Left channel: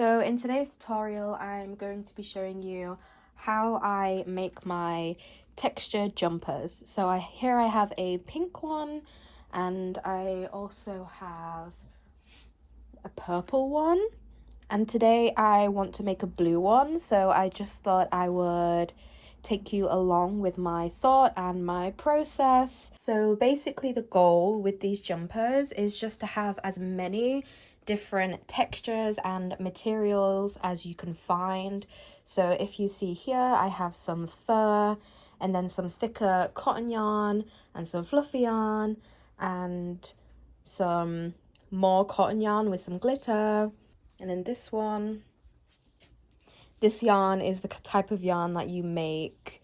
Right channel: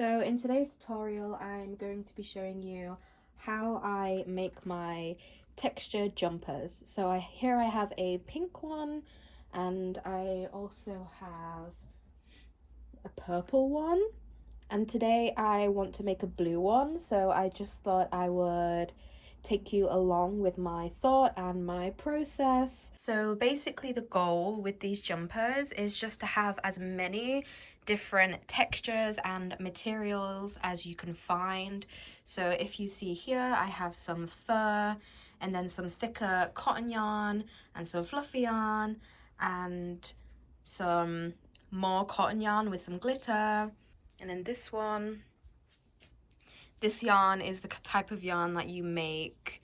So in today's tutorial, I'm going to be showing you how I make my textured jumpers. So here I have a pink one, and I also have a purple one. And today I want to make a blue one, so I just thought I would take you along with my thought and my process. So basically the goal with these jumpers is just to have as many different textures and materials as you can find. So if you see here, I have some fur and then some thicker cotton yarn and some fluffy yarn and some more cotton yarn with some glitter. And then this one, this yarn is the type of yarn that you make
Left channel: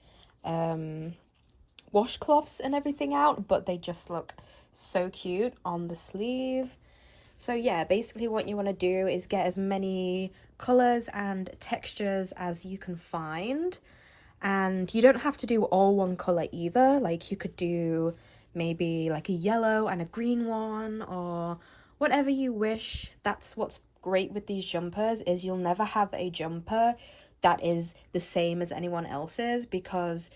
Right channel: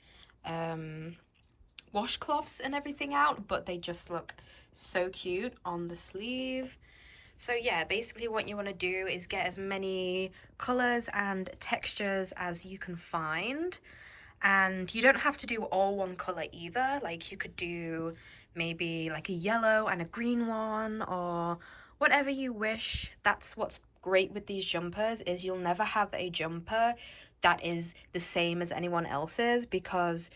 washcloths and everything out, but they just look so cute on the sleeve. So yeah, basically what you want to do is get as many colors and textures as you can find. And you don't have to do all one color either. Like you could do maybe like a yellow and a green one or whatever you wish. That's what's great with these jumpers, is you'll never have a jumper that is the same as anyone else's, because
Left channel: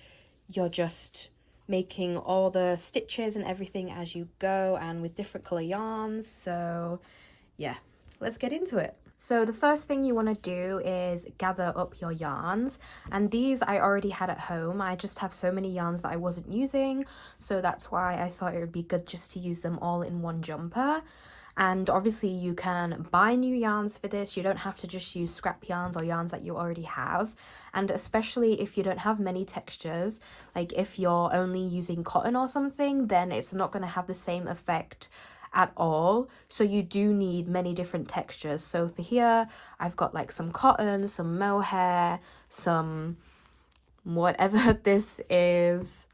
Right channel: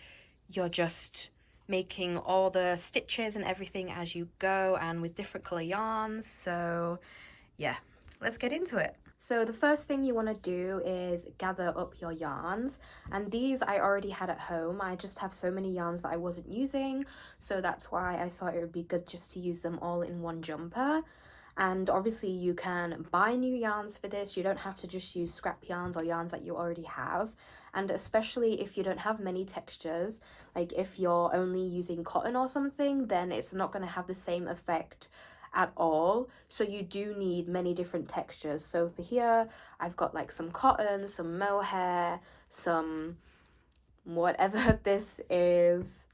you're just making all the stitches and everything as you go and with different color yarns. So yeah, let's get into it. So the first thing you want to do is gather up your yarns, and these I already had at home. I just have so many yarns that I wasn't using, so that's why I thought it would be good just to use them all in one jumper. And obviously you can buy new yarns for this. You don't have to just use scrap yarns or yarns that you already have. And especially if you don't have many textures, like if you're only using cotton or something, then it's not going to have the same effect at all. So you do need many different textures. So for here, I've got like some cotton, some mohair, some whatever this is,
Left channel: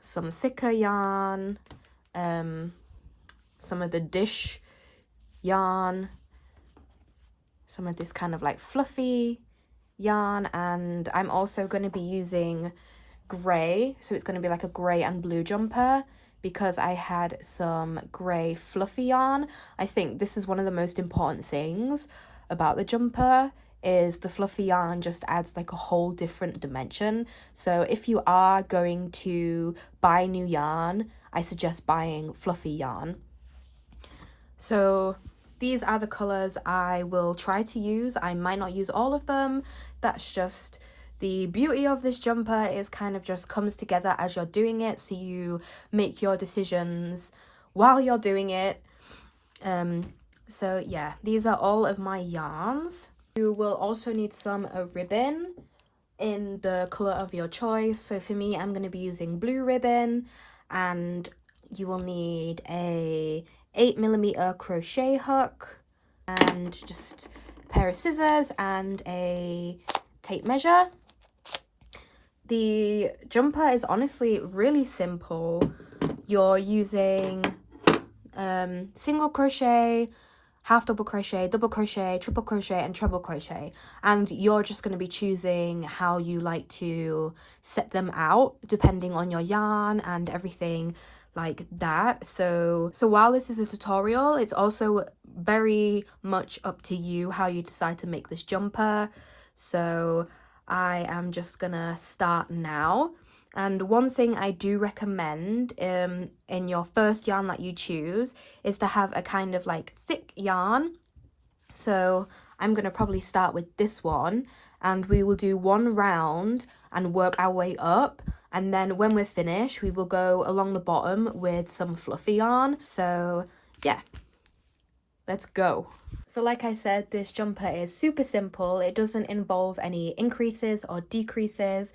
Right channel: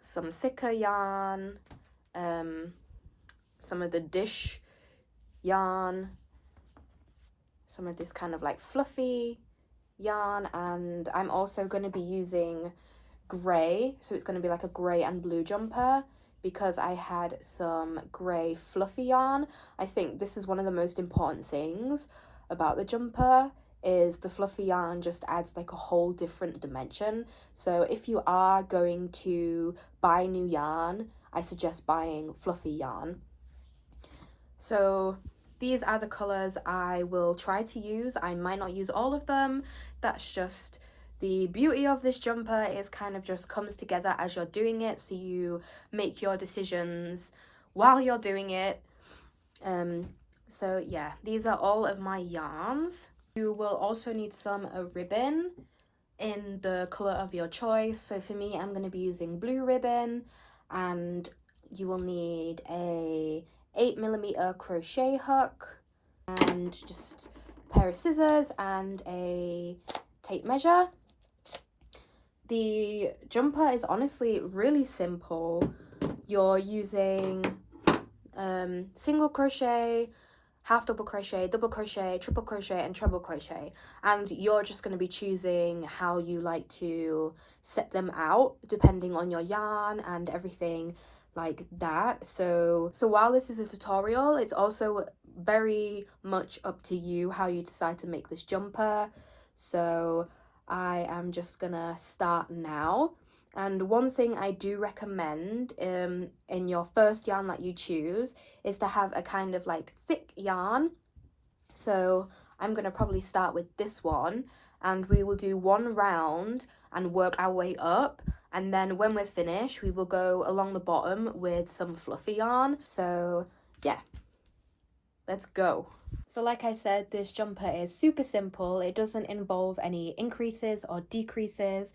some thicker yarn, some of the dish yarn, some of this kind of like fluffy yarn, and I'm also going to be using grey, so it's going to be like a grey and blue jumper because I had some grey fluffy yarn. I think this is one of the most important things about the jumper, is the fluffy yarn just adds like a whole different dimension. So if you are going to buy new yarn, I suggest buying fluffy yarn. So these are the colors I will try to use. I might not use all of them. That's just the beauty of this jumper, is kind of just comes together as you're doing it, so you make your decisions while you're doing it. So yeah, these are all of my yarns. You will also need some ribbon in the color of your choice. So for me, I'm going to be using blue ribbon, and you will need a 8mm crochet hook and just a pair of scissors and a tape measure. The jumper is honestly really simple. You're using single crochet, half double crochet, double crochet, triple crochet and treble crochet, and you're just going to be choosing how you like to set them out depending on your yarn and everything like that. So while this is a tutorial, it's also very much up to you how you decide to make this jumper. So I am just gonna start now. And one thing I do recommend in your first yarn that you choose is to have a kind of like thick yarn. So I'm gonna probably start with this one, and we will do one round and work our way up. And then when we're finished, we will go along the bottom with some fluffy yarn. So yeah, let's go. So like I said, this jumper is super simple. It doesn't involve any increases or decreases.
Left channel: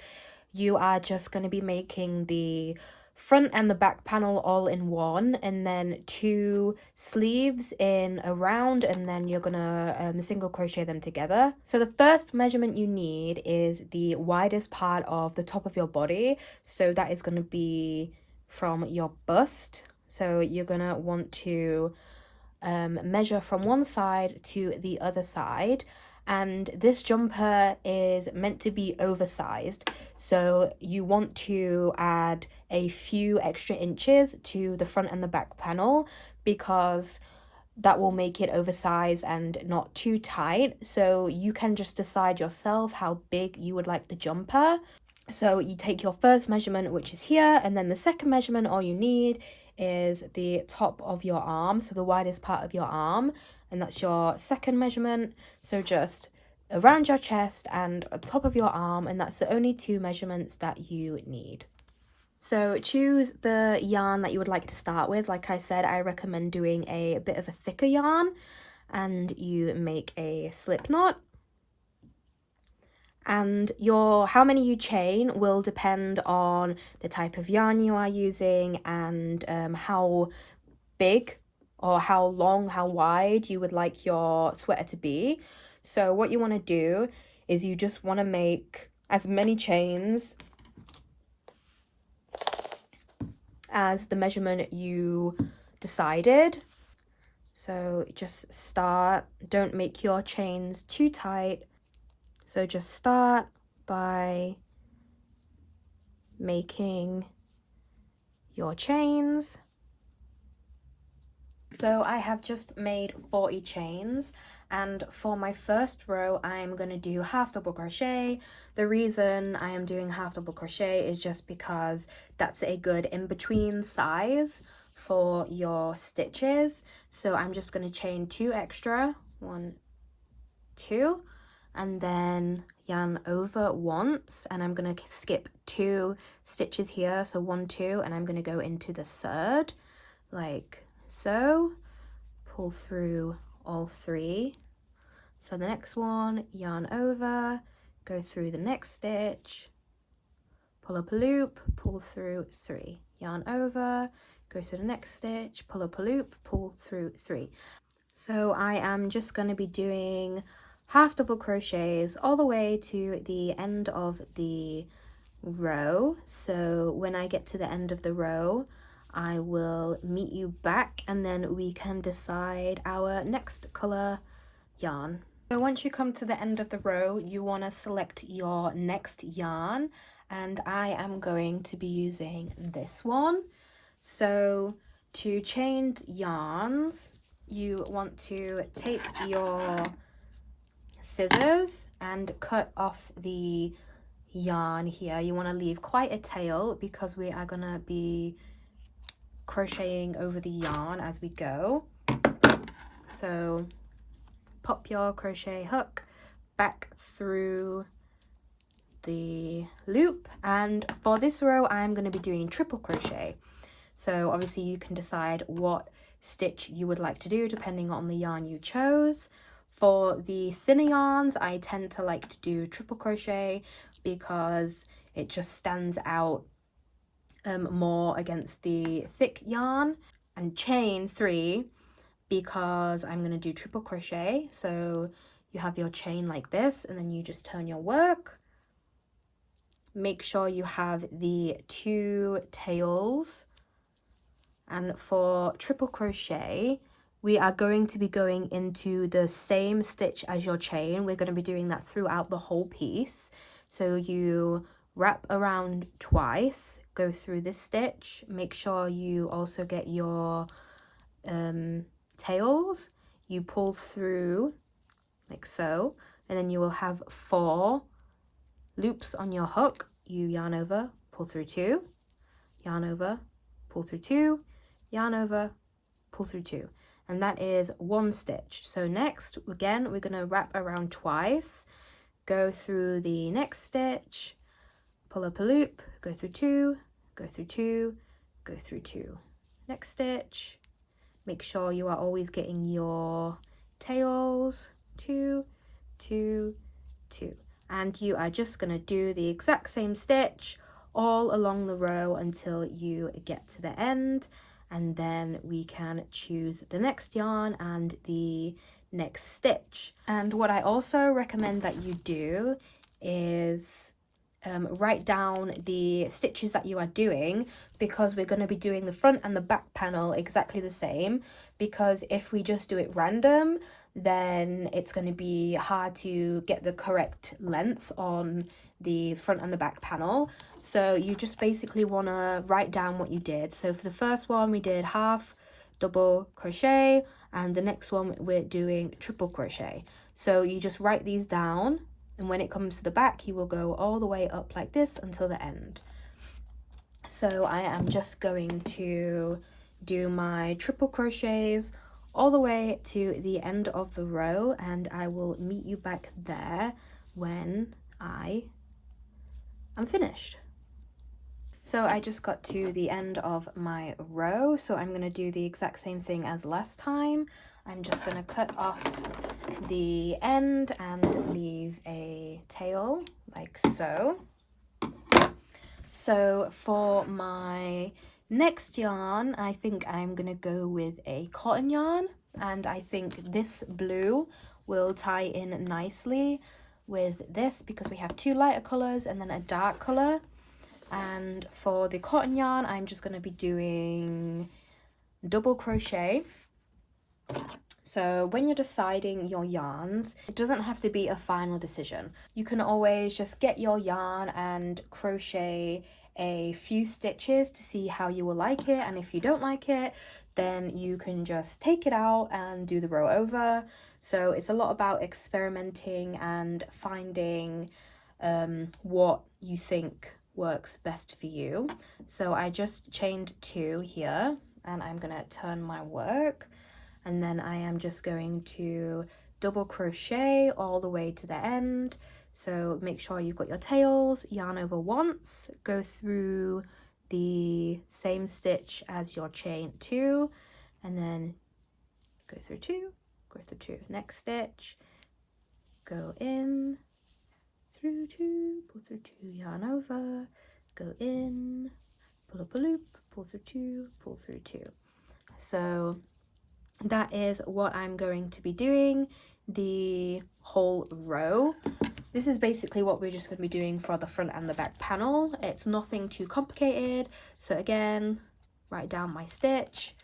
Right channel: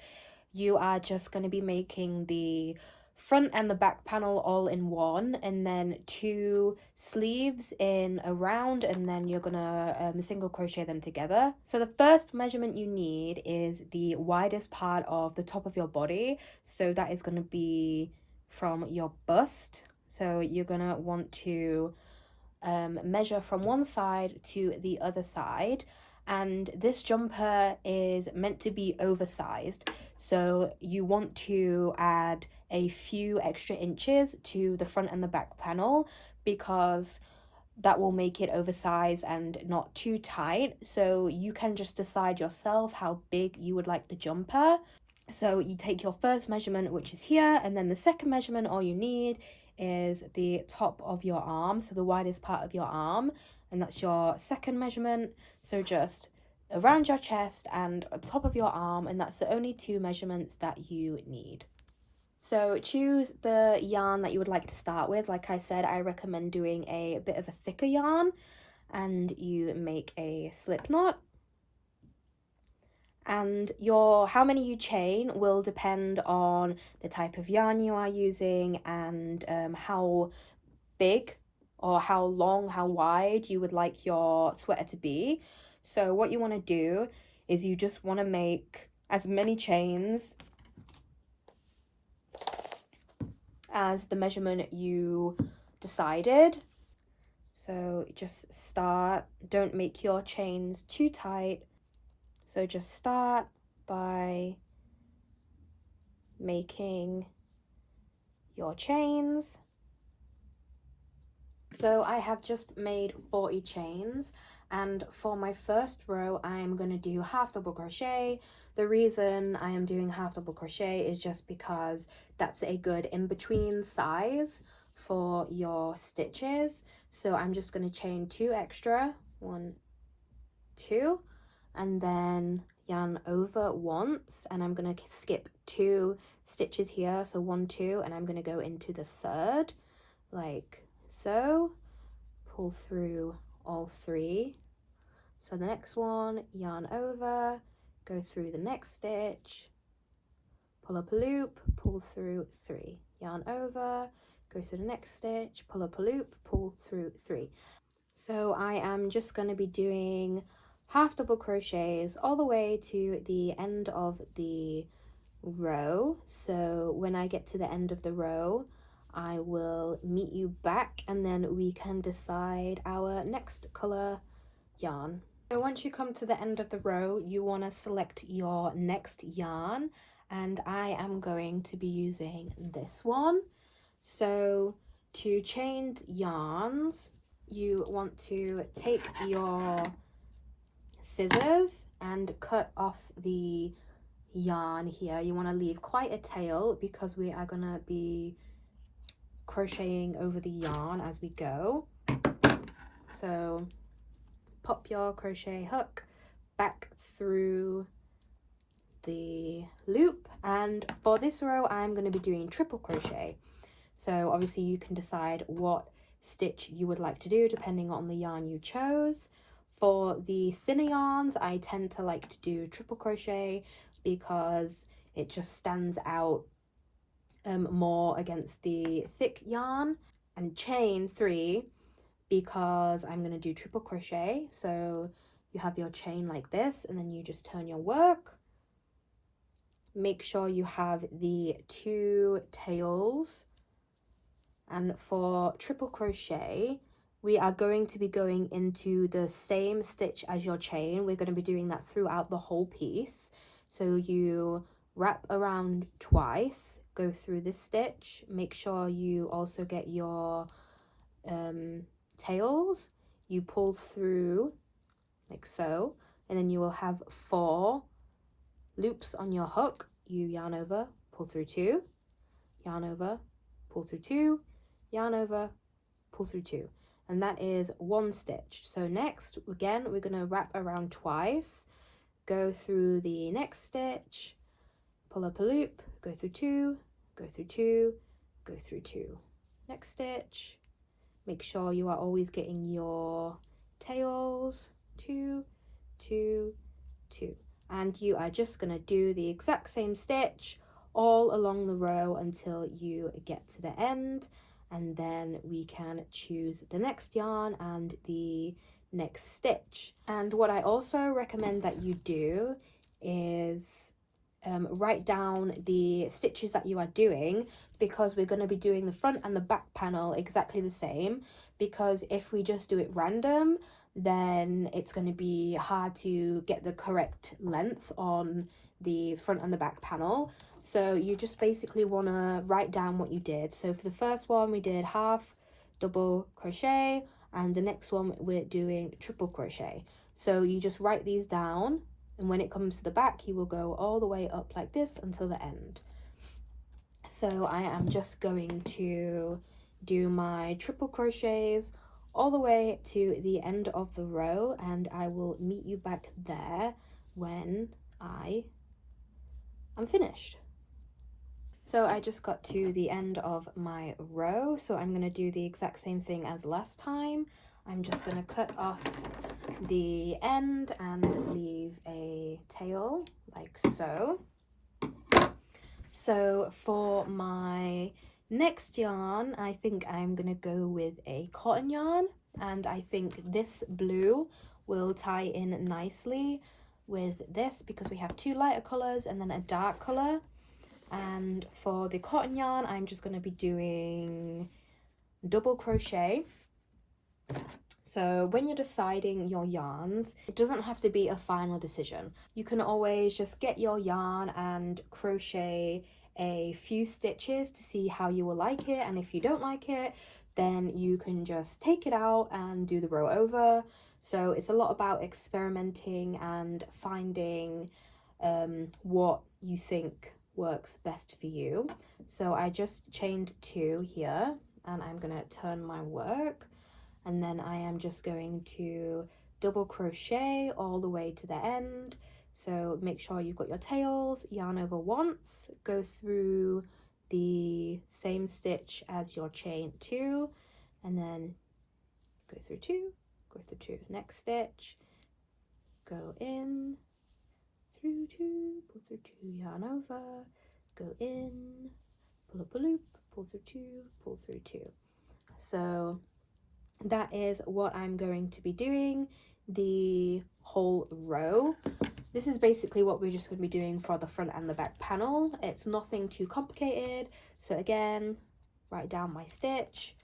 You are just going to be making the front and the back panel all in one, and then 2 sleeves in a round, and then you're gonna single crochet them together. So the first measurement you need is the widest part of the top of your body. So that is going to be from your bust. So you're gonna want to measure from one side to the other side. And this jumper is meant to be oversized, so you want to add a few extra inches to the front and the back panel, because that will make it oversized and not too tight. So you can just decide yourself how big you would like the jumper. So you take your first measurement, which is here, and then the second measurement, all you need is the top of your arm, so the widest part of your arm, and that's your second measurement. So just around your chest and on top of your arm, and that's the only two measurements that you need. So choose the yarn that you would like to start with. Like I said, I recommend doing a bit of a thicker yarn, and you make a slip knot. And how many you chain will depend on the type of yarn you are using and how big or how long, how wide you would like your sweater to be. So what you want to do is you just want to make as many chains as the measurement you decided. So just start, don't make your chains too tight. So just start by making your chains. So I have just made 40 chains, and for my first row I'm going to do half double crochet. The reason I am doing half double crochet is just because that's a good in-between size for your stitches. So I'm just going to chain 2 extra, 1, 2, and then yarn over once, and I'm going to skip 2 stitches here, so 1, 2, and I'm going to go into the third like so. Pull through all 3. So the next one, yarn over, go through the next stitch, pull up a loop, pull through 3, yarn over, go through the next stitch, pull up a loop, pull through 3. So I am just going to be doing half double crochets all the way to the end of the row. So when I get to the end of the row, I will meet you back, and then we can decide our next color yarn. So once you come to the end of the row, you want to select your next yarn, and I am going to be using this one. So to chain yarns, you want to take your scissors and cut off the yarn here. You want to leave quite a tail because we are going to be crocheting over the yarn as we go. So pop your crochet hook back through the loop, and for this row I'm going to be doing triple crochet. So obviously you can decide what stitch you would like to do depending on the yarn you chose. For the thinner yarns, I tend to like to do triple crochet because it just stands out more against the thick yarn, and chain 3 because I'm going to do triple crochet. So you have your chain like this, and then you just turn your work. Make sure you have the 2 tails. And for triple crochet, we are going to be going into the same stitch as your chain. We're going to be doing that throughout the whole piece. So you wrap around twice, go through this stitch, make sure you also get your tails, you pull through like so, and then you will have 4 loops on your hook. You yarn over, pull through 2, yarn over, pull through 2, yarn over, pull through 2, and that is 1 stitch. So next, again, we're going to wrap around twice, go through the next stitch, pull up a loop, go through 2, go through 2, go through 2, next stitch. Make sure you are always getting your tails, 2, 2, 2, and you are just going to do the exact same stitch all along the row until you get to the end, and then we can choose the next yarn and the next stitch. And what I also recommend that you do is write down the stitches that you are doing, because we're going to be doing the front and the back panel exactly the same, because if we just do it random, then it's going to be hard to get the correct length on the front and the back panel. So you just basically want to write down what you did. So for the first one, we did half double crochet, and the next one we're doing triple crochet. So you just write these down, and when it comes to the back you will go all the way up like this until the end. So I am just going to do my triple crochets all the way to the end of the row, and I will meet you back there when I am finished. So I just got to the end of my row, so I'm going to do the exact same thing as last time. I'm just going to cut off the end and leave a tail like so. So for my next yarn, I think I'm going to go with a cotton yarn, and I think this blue will tie in nicely with this because we have two lighter colours and then a dark colour. And for the cotton yarn, I'm just going to be doing double crochet. So when you're deciding your yarns, it doesn't have to be a final decision. You can always just get your yarn and crochet a few stitches to see how you will like it, and if you don't like it, then you can just take it out and do the row over. So it's a lot about experimenting and finding what you think works best for you. So I just chained 2 here, and I'm gonna turn my work, and then I am just going to double crochet all the way to the end. So make sure you've got your tails, yarn over once, go through the same stitch as your chain 2, and then go through 2, go through 2, next stitch, go in, through 2, pull through 2, yarn over, go in, pull up a loop, pull through 2, pull through 2. So that is what I'm going to be doing the whole row. This is basically what we're just going to be doing for the front and the back panel. It's nothing too complicated. So again, write down my stitch.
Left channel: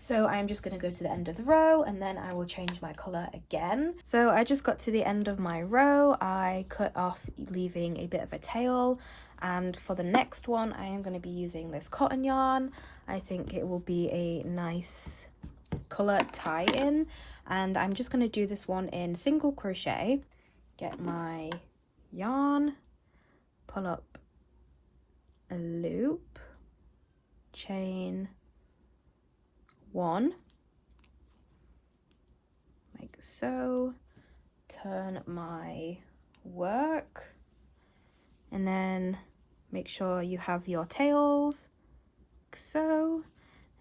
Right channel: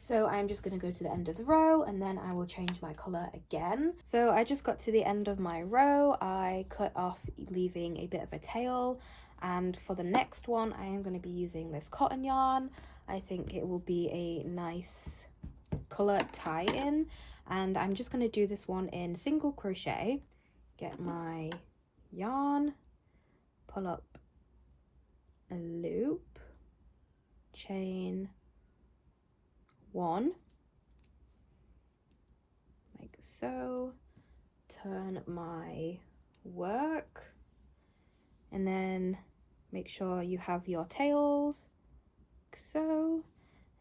So I'm just going to go to the end of the row, and then I will change my colour again. So I just got to the end of my row. I cut off, leaving a bit of a tail. And for the next one, I am going to be using this cotton yarn. I think it will be a nice colour tie-in. And I'm just going to do this one in single crochet. Get my yarn, pull up a loop, chain 1 like so, turn my work, and then make sure you have your tails like so,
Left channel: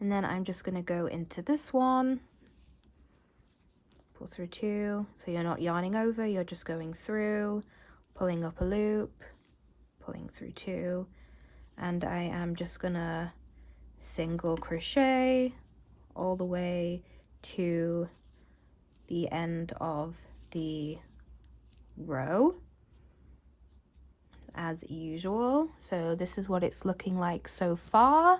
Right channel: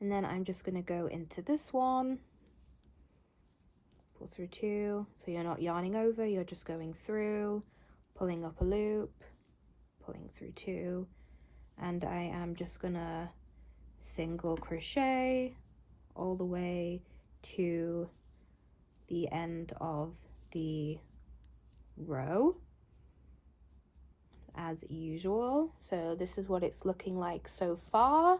and then I'm just going to go into this one, pull through 2, so you're not yarning over, you're just going through, pulling up a loop, pulling through 2, and I am just gonna single crochet all the way to the end of the row as usual. So this is what it's looking like so far.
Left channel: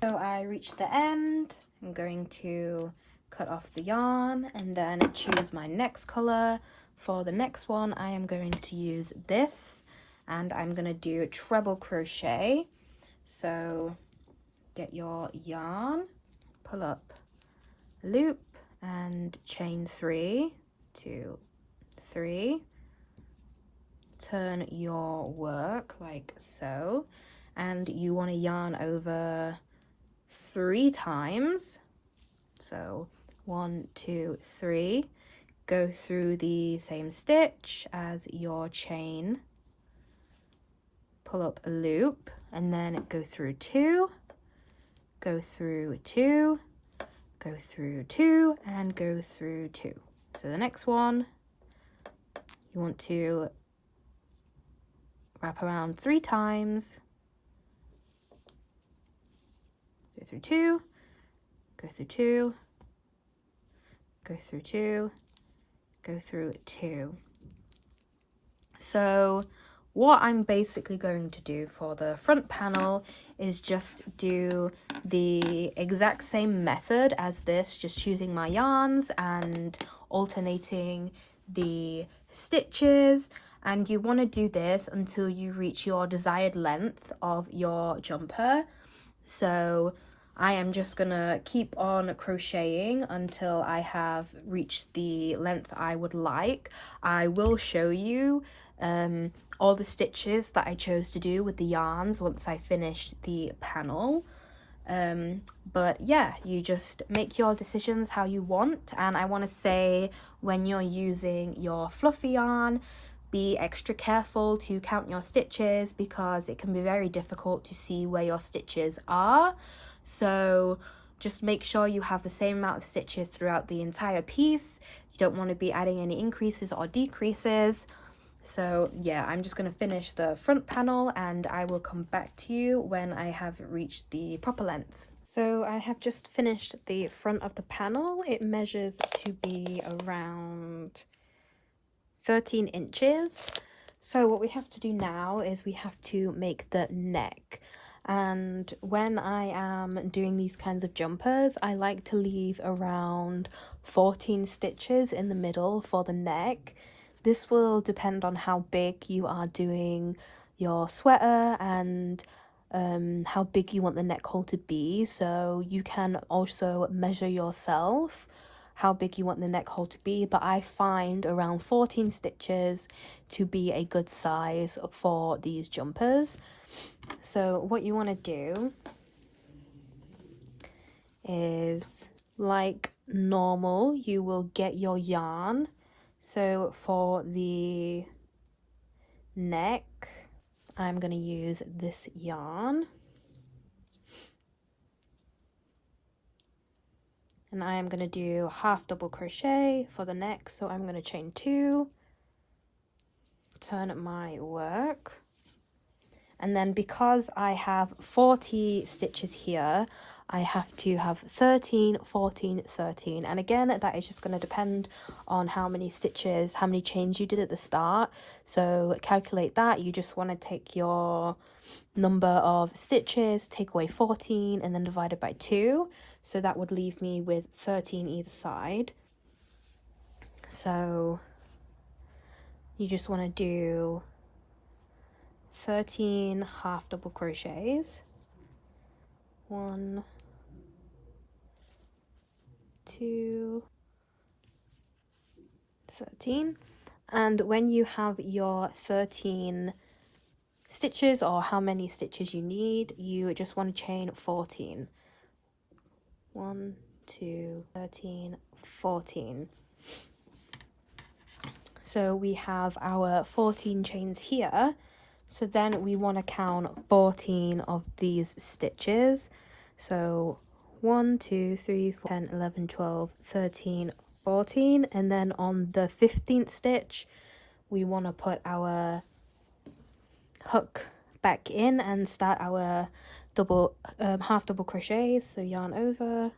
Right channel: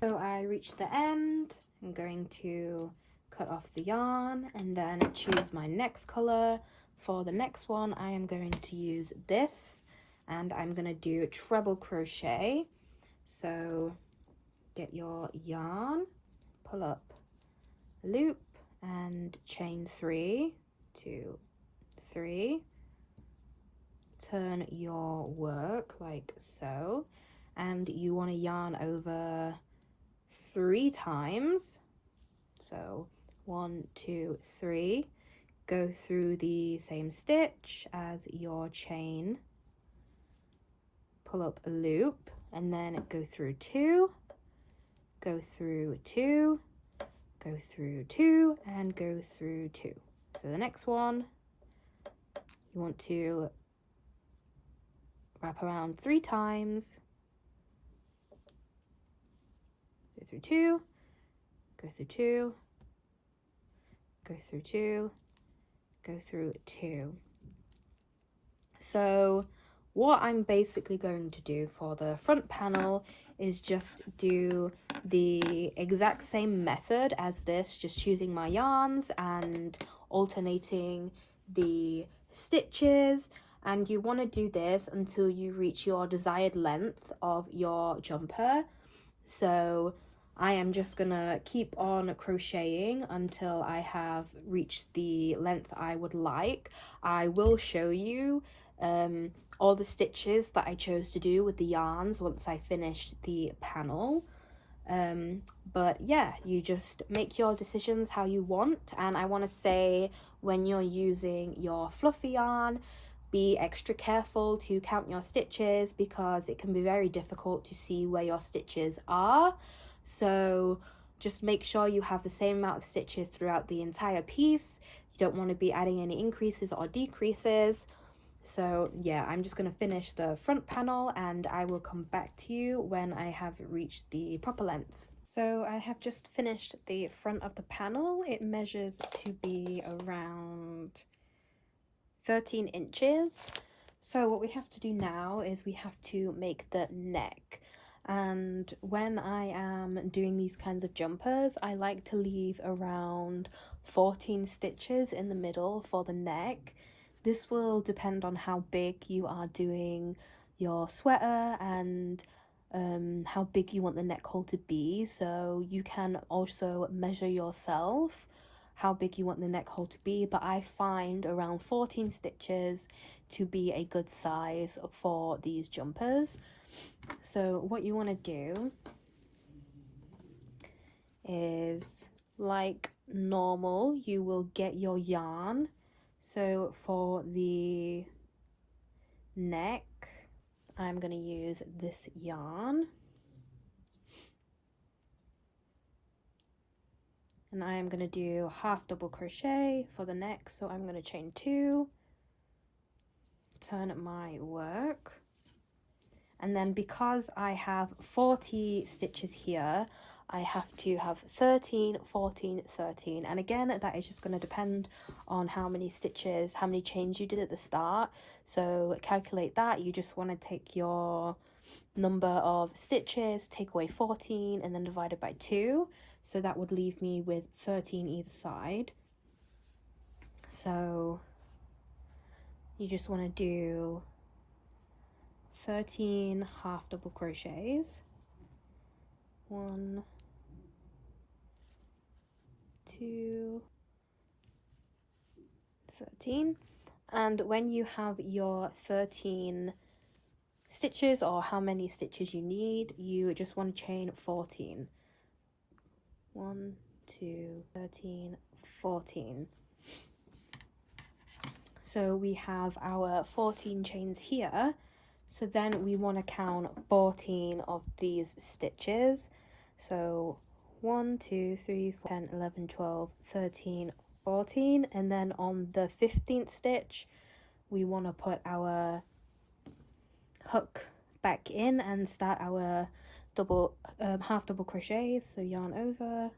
So I reached the end. I'm going to cut off the yarn and then choose my next color. For the next one, I am going to use this, and I'm going to do treble crochet. So get your yarn, pull up a loop and chain 3, 2, 3, turn your work like so, and you want to yarn over 3 times. So 1, 2, 3, go through the same stitch as your chain, pull up a loop, and then go through 2, go through 2, go through 2, and go through 2. So the next one, you want to wrap around 3 times, go through 2, go through 2, go through 2, go through 2. So what I'm basically going to do for the front panel is just do the exact same method as this, just choosing my yarns and alternating the stitches. And you want to do this until you reach your desired length of your jumper. So I am just gonna keep on crocheting until I have reached the length I would like. I will show you all the stitches that I chose to do with the yarns once I finish the panel. But yeah, you just make your decisions how you want. And I want to say, when you're using your fluffy yarn, be extra careful to count your stitches, because it can be very difficult to see where your stitches are. So just make sure you have the same amount of stitches throughout the entire piece. You don't want to be adding any increases or decreases. So yeah, I'm just going to finish the front panel and I will come back to you when I have reached the proper length. So I have just finished the front of the panel. It measures to be around 13 inches. So what we have to do now is we have to make the neck. And when I am doing these kinds of jumpers, I like to leave around 14 stitches in the middle for the neck. This will depend on how big you are doing your sweater and how big you want the neck hole to be. So you can also measure yourself how big you want the neck hole to be, but I find around 14 stitches to be a good size for these jumpers. So what you want to do is, like normal, you will get your yarn. So for the neck, I'm going to use this yarn. And I am going to do half double crochet for the neck. So I'm going to chain 2, turn my work. And then because I have 40 stitches here, I have to have 13, 14, 13. And again, that is just going to depend on how many stitches, how many chains you did at the start. So calculate that. You just want to take your number of stitches, take away 14, and then divide it by 2. So that would leave me with 13 either side. So you just want to do 13 half double crochets. 1, 2, 13. And when you have your 13 stitches, or how many stitches you need, you just want to chain 14. 1, 2, 13, 14. So we have our 14 chains here. So then we want to count 14 of these stitches. So 1, 2, 3, 4, 10, 11, 12, 13, 14. And then on the 15th stitch, we want to put our hook back in and start our double half double crochets. So yarn over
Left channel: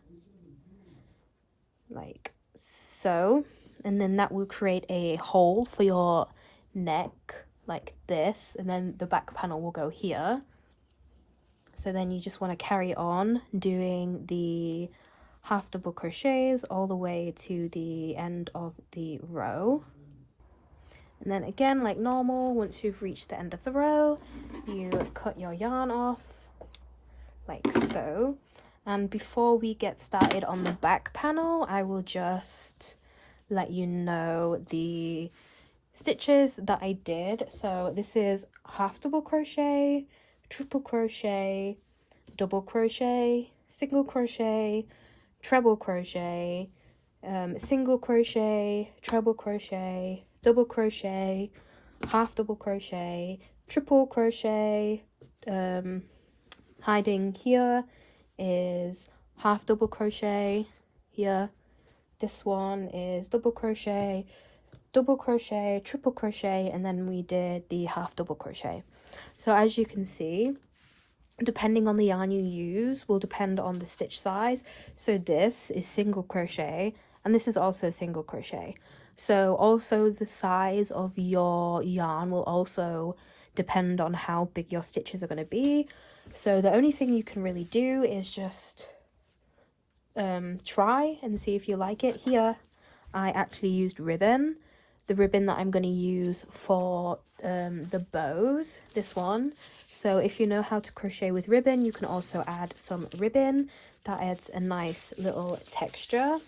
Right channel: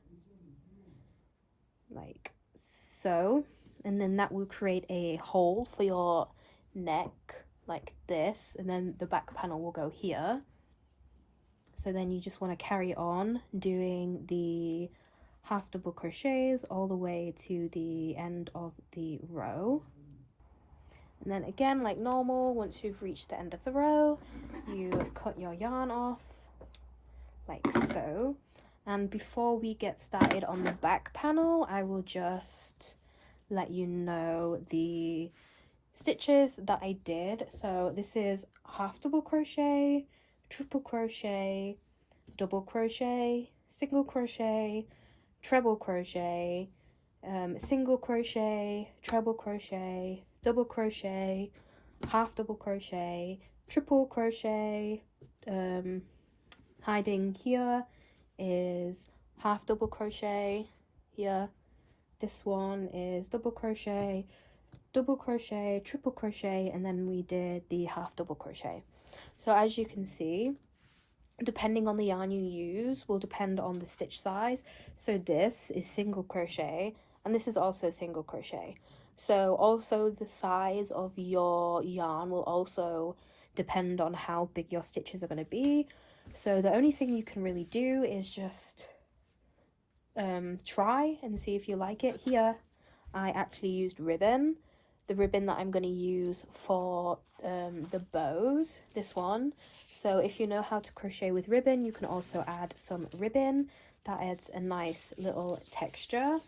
like so, and then that will create a hole for your neck like this, and then the back panel will go here. So then you just want to carry on doing the half double crochets all the way to the end of the row. And then again, like normal, once you've reached the end of the row, you cut your yarn off like so. And before we get started on the back panel, I will just let you know the stitches that I did. So this is half double crochet, triple crochet, double crochet, single crochet, treble crochet, single crochet, treble crochet, double crochet, half double crochet, triple crochet. Hiding here is half double crochet here. This one is double crochet, triple crochet, and then we did the half double crochet. So as you can see, depending on the yarn you use will depend on the stitch size. So this is single crochet, and this is also single crochet. So also the size of your yarn will also depend on how big your stitches are going to be. So the only thing you can really do is just try and see if you like it. Here I actually used ribbon the ribbon that I'm going to use for the bows, this one. So if you know how to crochet with ribbon, you can also add some ribbon. That adds a nice little texture.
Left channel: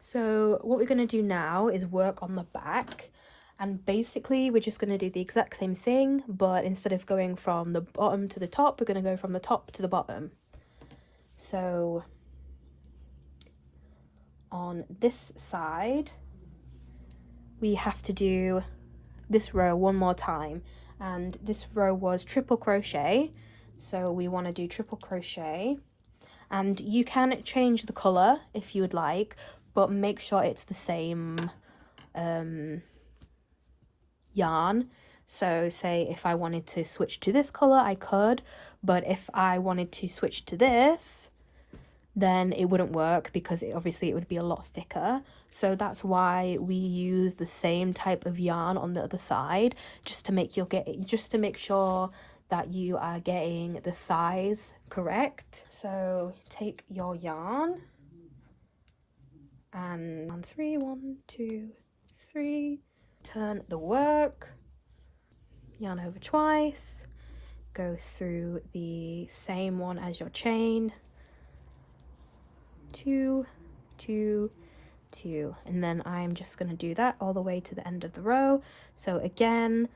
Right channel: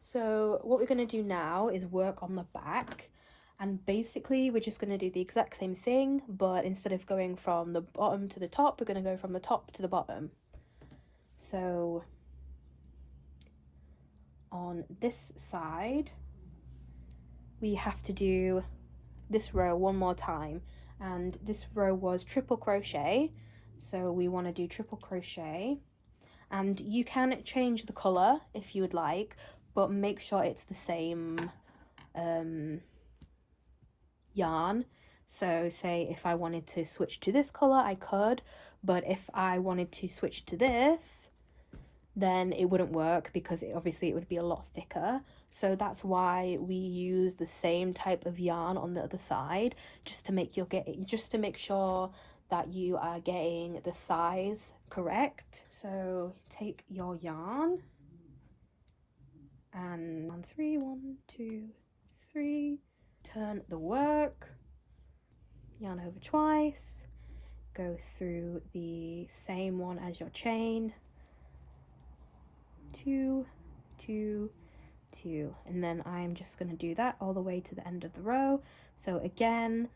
So what we're going to do now is work on the back, and basically we're just going to do the exact same thing, but instead of going from the bottom to the top, we're going to go from the top to the bottom. So on this side we have to do this row one more time, and this row was triple crochet, so we want to do triple crochet. And you can change the color if you would like, but make sure it's the same yarn. So say if I wanted to switch to this color, I could, but if I wanted to switch to this, then it wouldn't work because obviously it would be a lot thicker. So that's why we use the same type of yarn on the other side, just to make sure that you are getting the size correct. So take your yarn and 3, 1, 2, 3, turn the work, yarn over twice, go through the same one as your chain, 2, 2, 2, and then I'm just going to do that all the way to the end of the row. So again,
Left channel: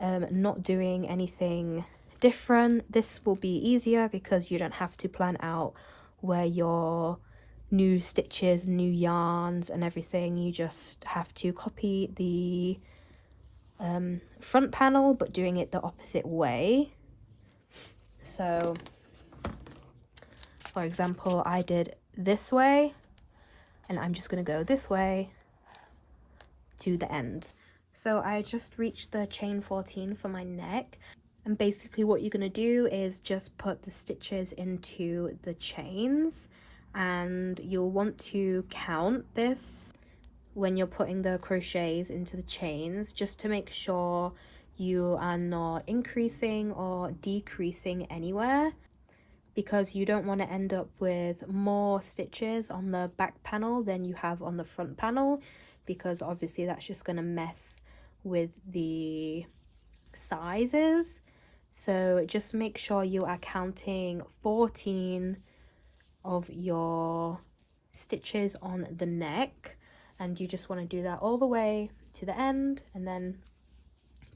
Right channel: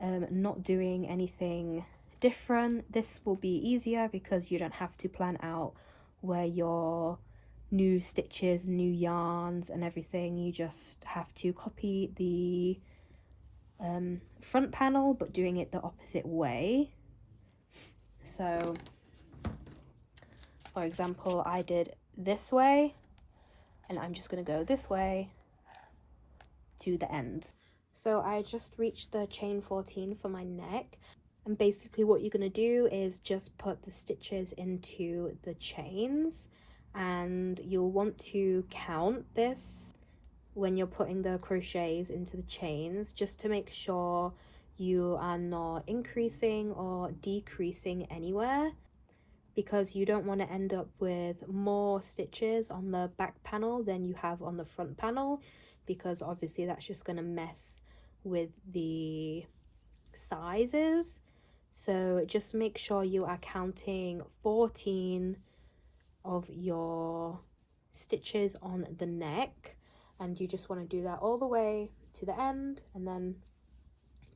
not doing anything different. This will be easier because you don't have to plan out where your new stitches, new yarns and everything. You just have to copy the front panel, but doing it the opposite way. So for example, I did this way, and I'm just going to go this way to the end. So I just reached the chain 14 for my neck, and basically what you're going to do is just put the stitches into the chains, and you'll want to count this when you're putting the crochets into the chains, just to make sure you are not increasing or decreasing anywhere, because you don't want to end up with more stitches on the back panel than you have on the front panel, because obviously that's just going to mess with the sizes. So just make sure you are counting 14 of your stitches on the neck, and you just want to do that all the way to the end and then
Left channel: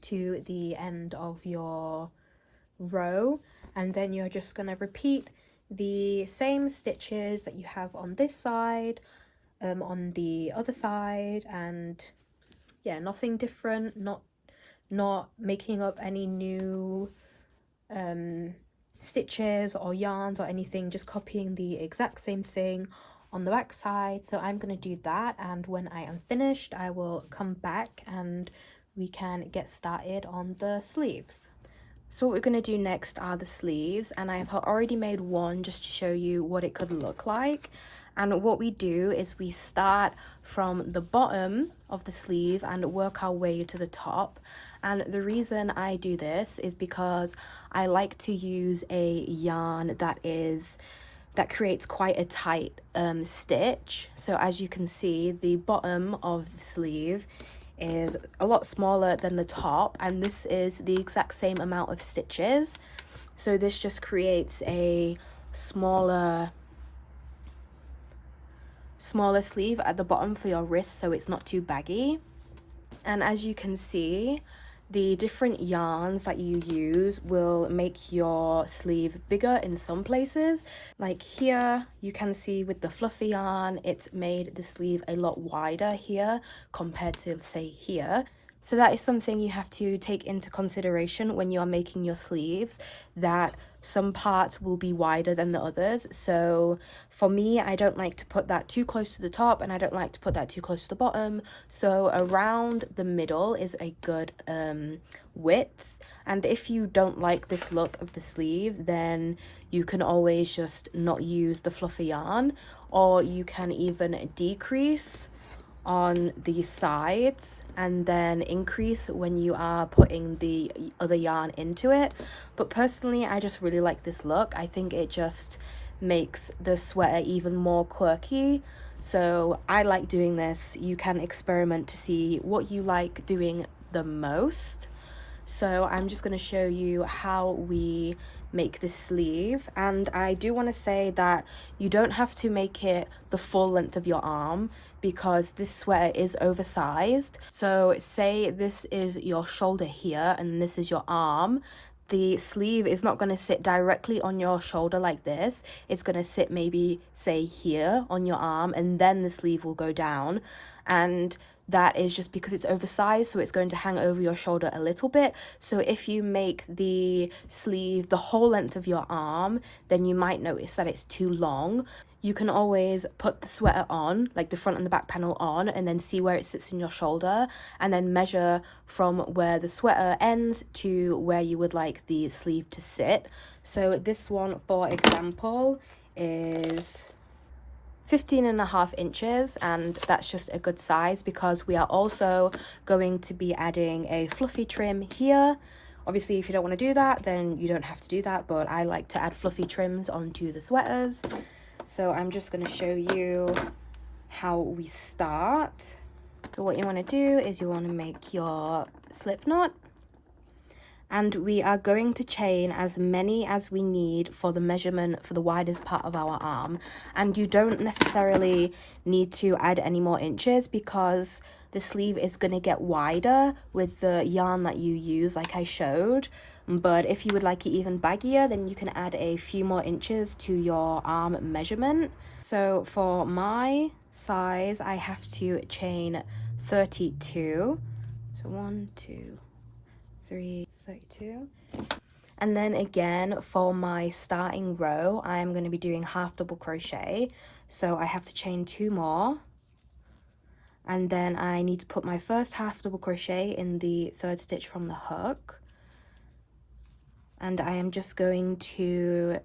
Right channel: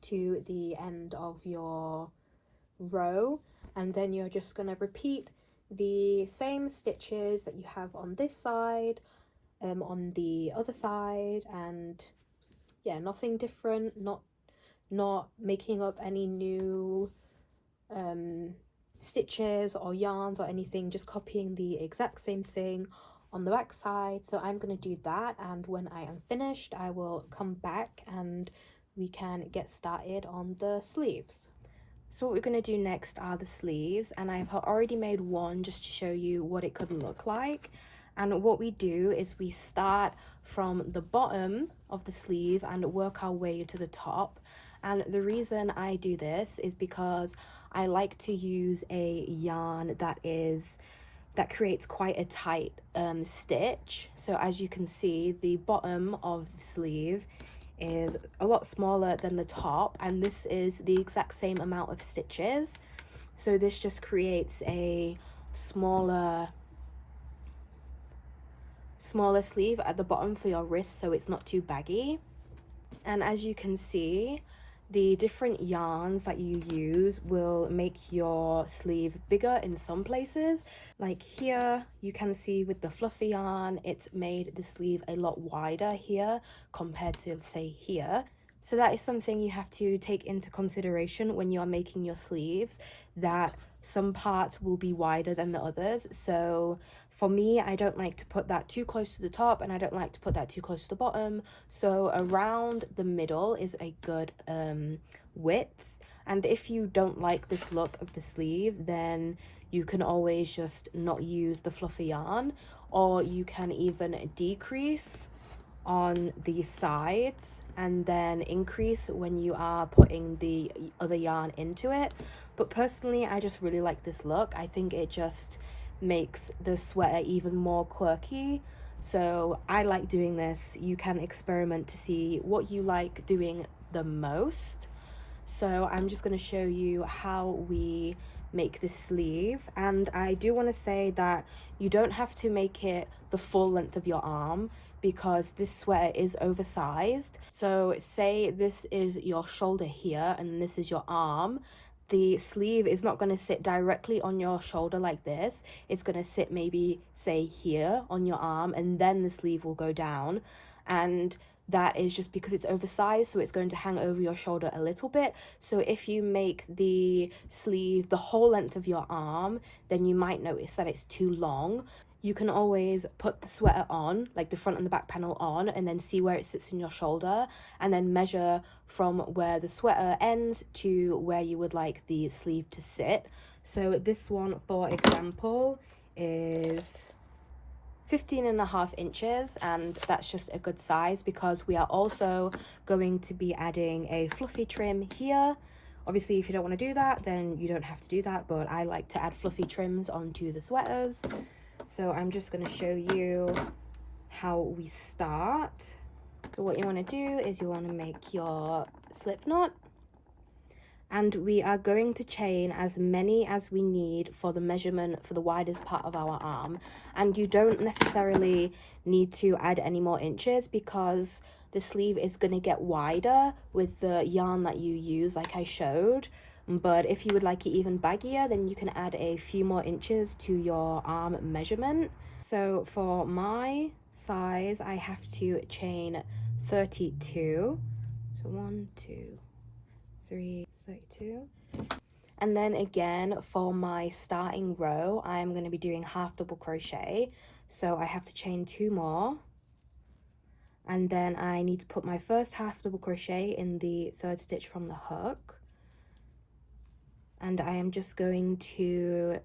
to the end of your row, and then you're just going to repeat the same stitches that you have on this side on the other side, and yeah, nothing different, not making up any new stitches or yarns or anything, just copying the exact same thing on the back side. So I'm going to do that, and when I am finished I will come back and we can get started on the sleeves. So what we're going to do next are the sleeves, and I've already made one just to show you what it could look like. And what we do is we start from the bottom of the sleeve and work our way to the top. And the reason I do this is because I like to use a yarn that creates quite a tight stitch. So as you can see, the bottom of the sleeve is a lot smaller than the top, and this is the exact same amount of stitches. So this just creates a smaller sleeve at the bottom for your wrist, so it's not too baggy. And as you can see, the different yarns that you use will make your sleeve bigger in some places. Like here, you can see with the fluffy yarn, it's made the sleeve a lot wider here compared to, say, here. So that is something you have to take into consideration when you're making your sleeves, that some parts will be wider than the others. So for me, I don't like to put that too close to the top, and I don't like to put that too close to the bottom. So around the middle is a good width. And if you don't like this look of the sleeve, then you can always just not use the fluffy yarn, or you can even decrease on the sides and then increase when you are putting the other yarn into it. But personally, I just really like this look. I think it just makes the sweater even more quirky. So I like doing this. You can experiment to see what you like doing the most. So I'm just going to show you how we make this sleeve, and I do want to say that you don't have to make it the full length of your arm because this sweater is oversized. So say this is your shoulder here and this is your arm. The sleeve is not going to sit directly on your shoulder like this. It's going to sit maybe say here on your arm, and then the sleeve will go down, and that is just because it's oversized, so it's going to hang over your shoulder a little bit. So if you make the sleeve the whole length of your arm, then you might notice that it's too long. You can always put the sweater on, like the front and the back panel on, and then see where it sits in your shoulder, and then measure from where the sweater ends to where you would like the sleeve to sit. So this one, for example, is 15.5 inches, and that's just a good size because we are also going to be adding a fluffy trim here. Obviously, if you don't want to do that, then you don't have to do that, but I like to add fluffy trims onto the sweaters. So I'm just going to show you how we start. So what you want to do is you want to make your slip knot, and we are going to chain as many as we need for the measurement for the widest part of our arm. And you don't necessarily need to add any more inches because the sleeve is going to get wider with the yarn that you use, like I showed. But if you would like it even baggier, then you can add a few more inches to your arm measurement. So for my size, I have to chain 32. So 1, 2, 3, 32. And then again, for my starting row, I'm going to be doing half double crochet. So I have to chain 2 more. And then I need to put my first half double crochet in the 3rd stitch from the hook. And I am just going to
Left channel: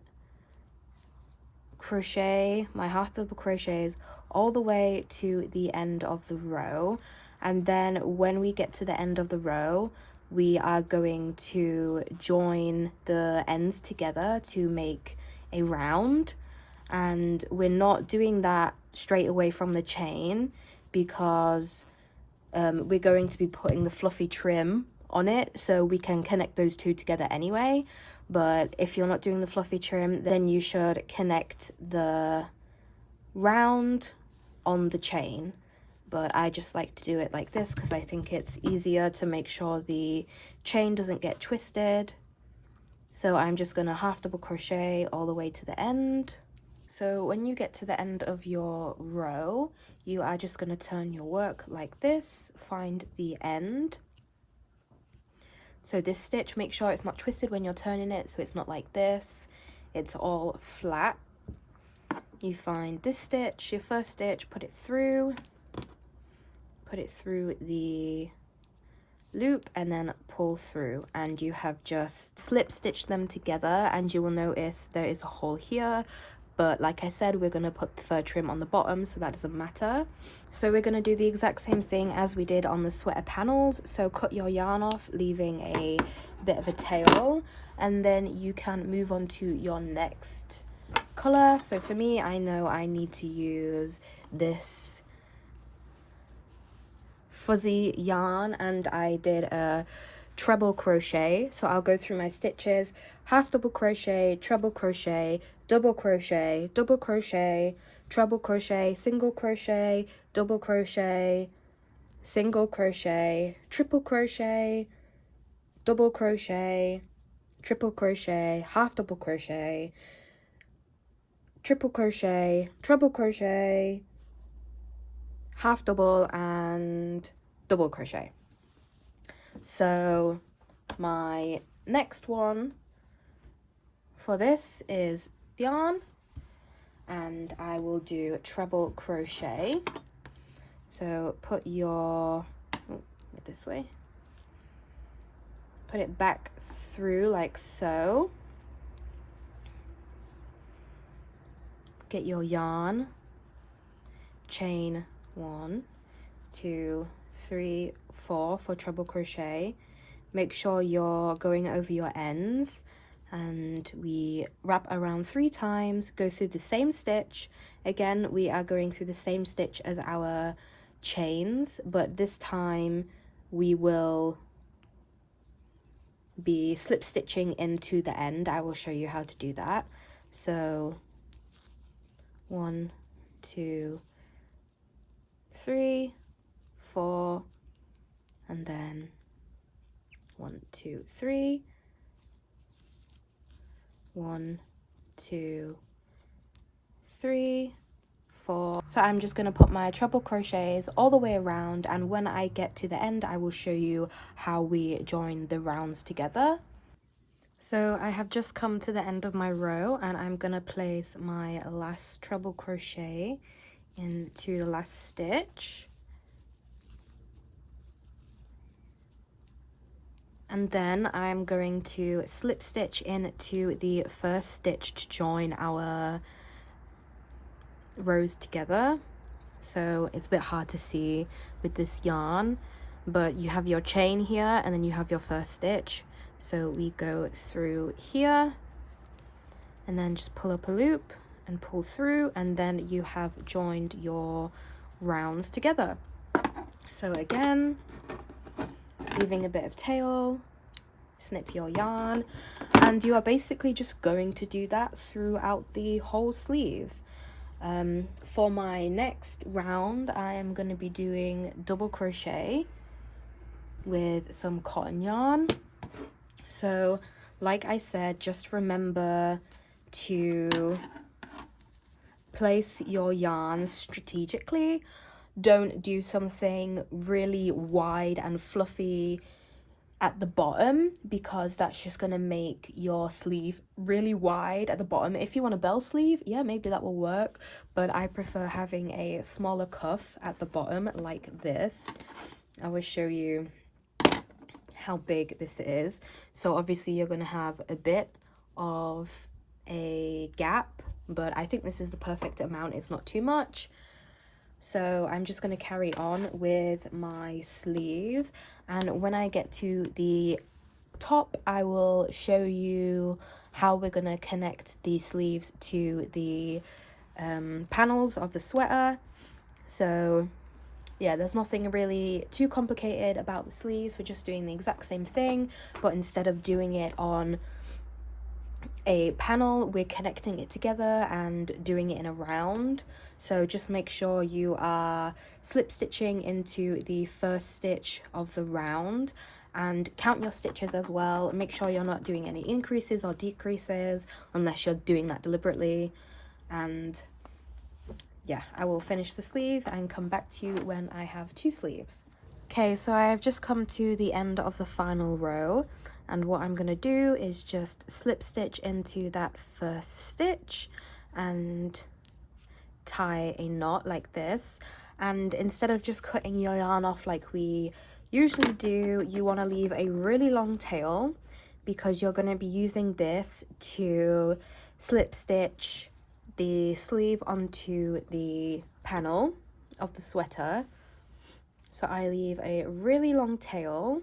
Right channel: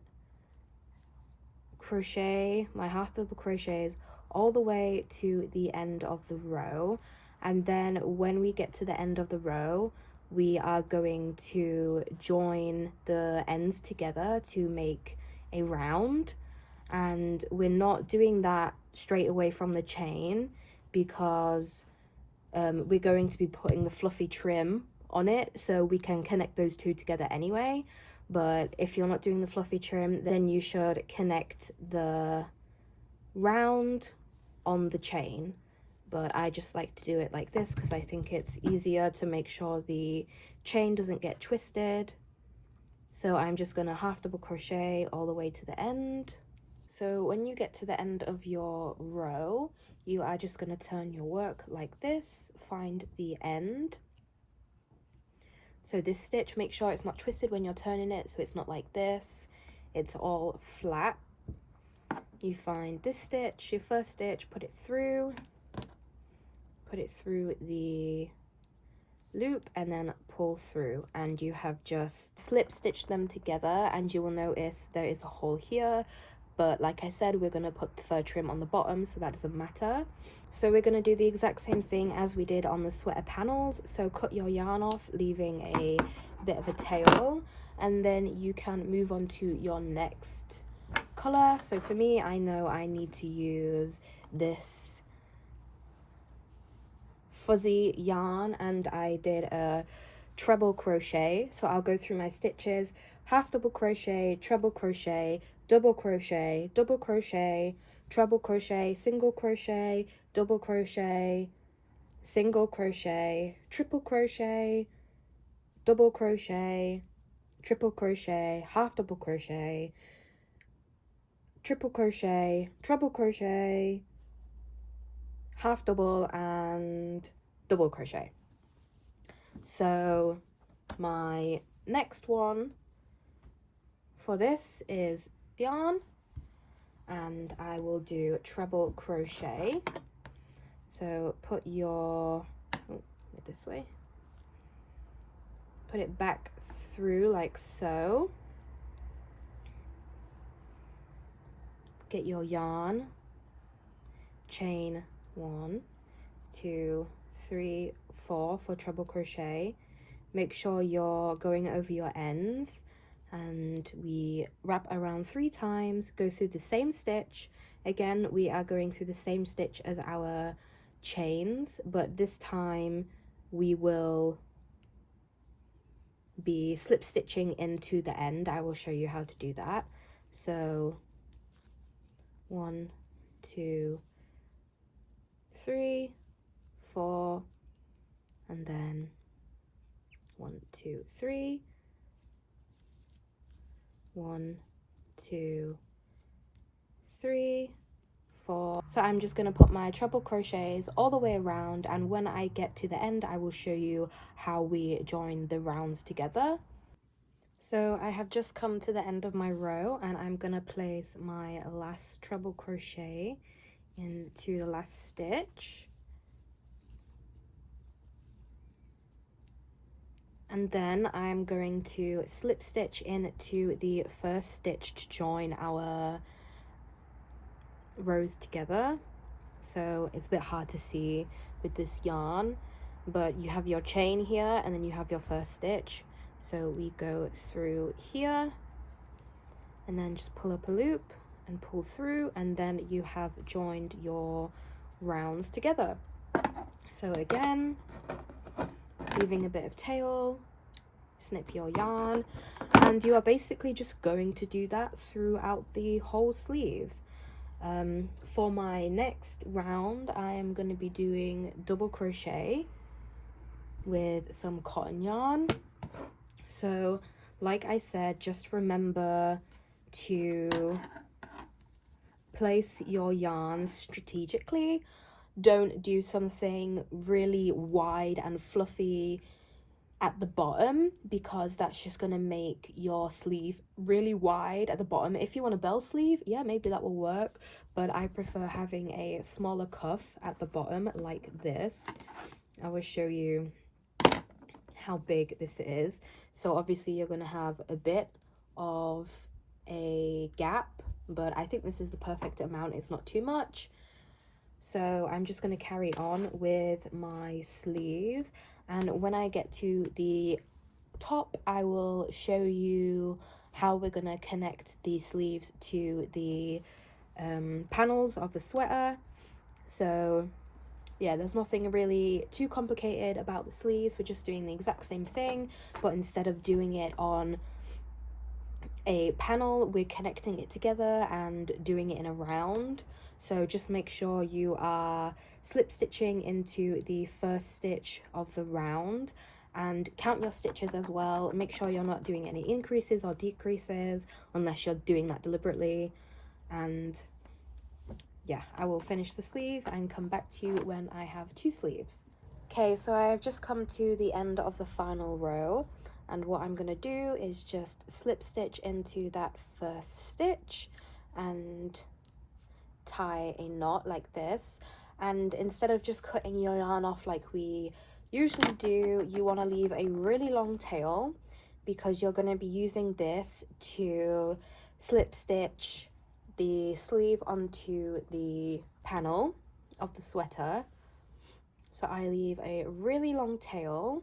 crochet my half double crochets all the way to the end of the row. And then when we get to the end of the row, we are going to join the ends together to make a round. And we're not doing that straight away from the chain because we're going to be putting the fluffy trim on it, so we can connect those two together anyway. But if you're not doing the fluffy trim, then you should connect the round on the chain. But I just like to do it like this because I think it's easier to make sure the chain doesn't get twisted. So I'm just going to half double crochet all the way to the end. So when you get to the end of your row, you are just going to turn your work like this, find the end. So this stitch, make sure it's not twisted when you're turning it, so it's not like this, it's all flat. You find this stitch, your first stitch, put it through the loop, and then pull through, and you have just slip stitched them together, and you will notice there is a hole here. But like I said, we're going to put the fur trim on the bottom, so that doesn't matter. So we're going to do the exact same thing as we did on the sweater panels. So cut your yarn off, leaving a bit of a tail, and then you can move on to your next color. So for me, I know I need to use this fuzzy yarn, and I did a treble crochet. So I'll go through my stitches: half double crochet, treble crochet, double crochet, double crochet, treble crochet, single crochet, double crochet, single crochet, triple crochet, double crochet, triple crochet, half double crochet, triple crochet, treble crochet, half double, and double crochet. So my next one for this is yarn, and I will do treble crochet. So put your this way, put it back through like so, get your yarn, chain 1, 2, 3, 4 for treble crochet. Make sure you're going over your ends, and we wrap around 3 times, go through the same stitch, Again, we are going through the same stitch as our chains, but this time we will be slip stitching into the end. I will show you how to do that. So 1, 2, 3, 4, and then 1, 2, 3, 1, 2, 3, 4. So I'm just going to put my treble crochets all the way around, and when I get to the end I will show you how we join the rounds together. So I have just come to the end of my row, and I'm going to place my last treble crochet into the last stitch, and then I'm going to slip stitch into the first stitch to join our rows together. So it's a bit hard to see with this yarn, but you have your chain here and then you have your first stitch. So we go through here and then just pull up a loop and pull through, and then you have joined your rounds together. So again, leaving a bit of tail, snip your yarn, and you are basically just going to do that throughout the whole sleeve. For my next round, I am going to be doing double crochet with some cotton yarn. So like I said, just remember to place your yarns strategically. Don't do something really wide and fluffy at the bottom, because that's just going to make your sleeve really wide at the bottom. If you want a bell sleeve, yeah, maybe that will work, but I prefer having a smaller cuff at the bottom like this. I will show you how big this is. So obviously you're going to have a bit of a gap, but I think this is the perfect amount. It's not too much. So I'm just going to carry on with my sleeve, and when I get to the top I will show you how we're going to connect the sleeves to the panels of the sweater. So yeah, there's nothing really too complicated about the sleeves. We're just doing the exact same thing, but instead of doing it on a panel, we're connecting it together and doing it in a round. So just make sure you are slip stitching into the first stitch of the round, and count your stitches as well. Make sure you're not doing any increases or decreases unless you're doing that deliberately. And yeah, I will finish the sleeve and come back to you when I have 2 sleeves. Okay, so I have just come to the end of the final row, and what I'm going to do is just slip stitch into that first stitch and tie a knot like this. And instead of just cutting your yarn off like we usually do, you want to leave a really long tail, because you're going to be using this to slip stitch the sleeve onto the panel of the sweater. So I leave a really long tail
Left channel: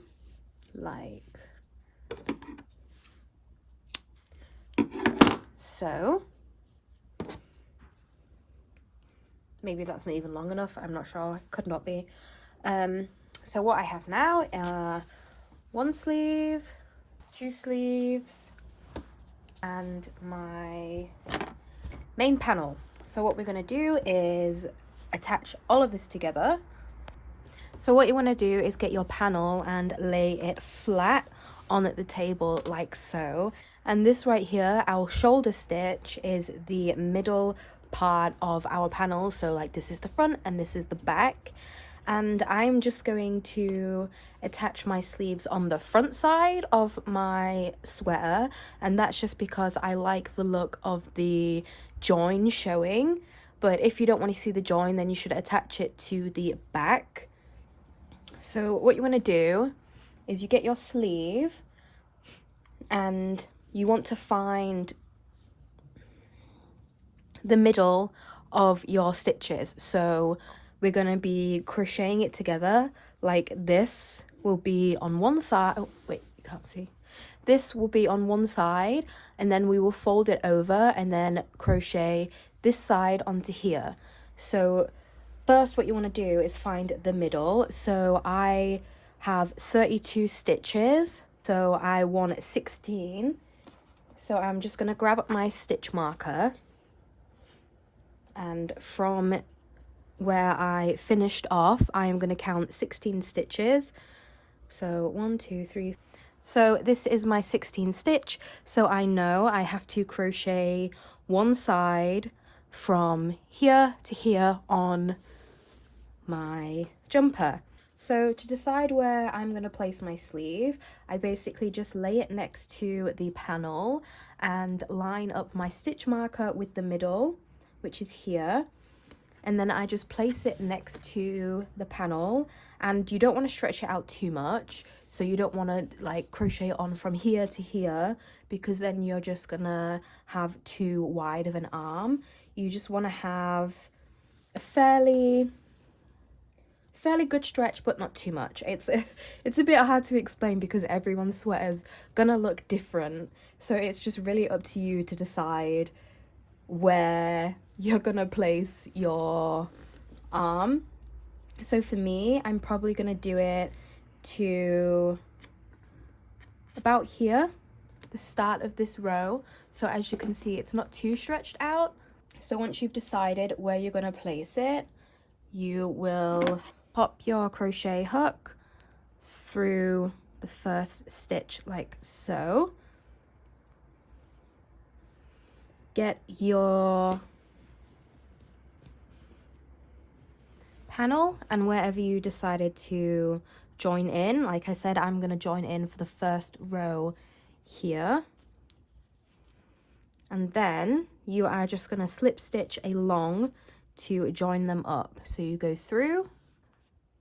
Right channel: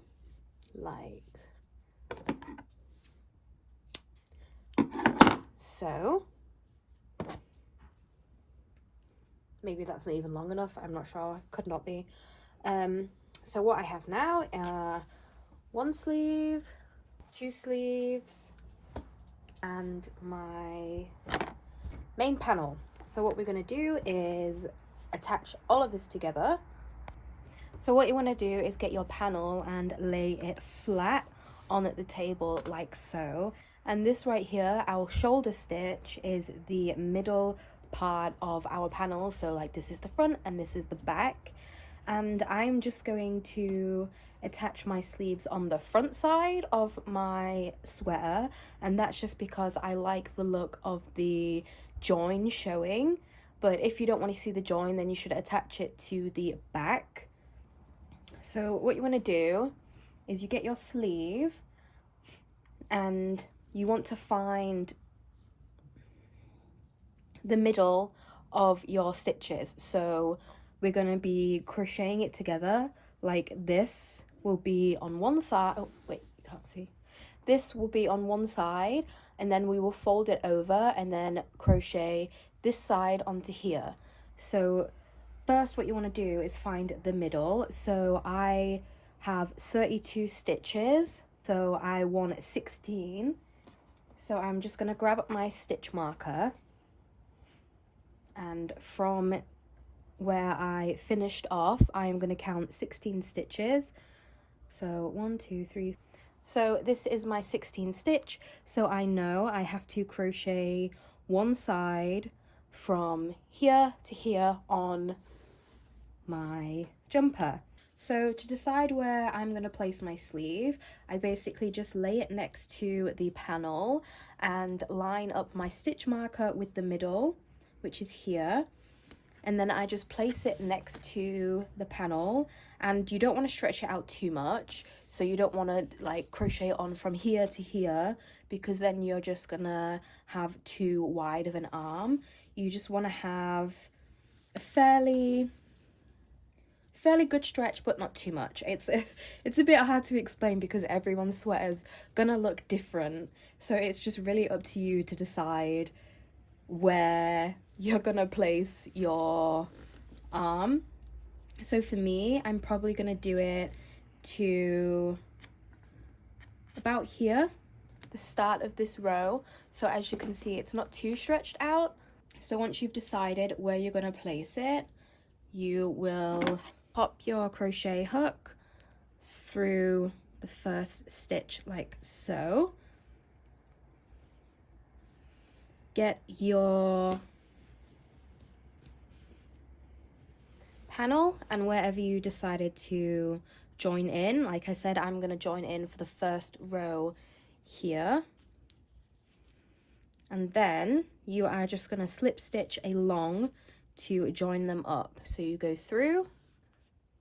like so. Maybe that's not even long enough, I'm not sure, it could not be. So what I have now are 1 sleeve, 2 sleeves, and my main panel. So what we're going to do is attach all of this together. So what you want to do is get your panel and lay it flat on the table like so. And this right here, our shoulder stitch, is the middle part of our panel. So like this is the front and this is the back. And I'm just going to attach my sleeves on the front side of my sweater, and that's just because I like the look of the join showing. But if you don't want to see the join, then you should attach it to the back. So what you want to do is you get your sleeve and you want to find the middle of your stitches. So we're going to be crocheting it together like this will be on one side. Oh wait, you can't see. This will be on one side, and then we will fold it over and then crochet this side onto here. So first what you want to do is find the middle. So I have 32 stitches, so I want 16. So I'm just going to grab up my stitch marker, and from where I finished off, I am going to count 16 stitches. So 1, 2, 3. So this is my 16th stitch, so I know I have to crochet one side from here to here on my jumper. So to decide where I'm going to place my sleeve, I basically just lay it next to the panel and line up my stitch marker with the middle, which is here. And then I just place it next to the panel, and you don't want to stretch it out too much, so you don't want to like crochet on from here to here, because then you're just gonna have too wide of an arm. You just want to have a fairly good stretch, but not too much. It's a bit hard to explain because everyone's sweater's gonna look different, so it's just really up to you to decide where you're gonna place your arm. So for me, I'm probably gonna do it to about here, the start of this row. So as you can see, it's not too stretched out. So once you've decided where you're gonna place it, you will pop your crochet hook through the first stitch like so. Get your panel and wherever you decided to join in. Like I said, I'm going to join in for the first row here. And then you are just going to slip stitch along to join them up. So you go through,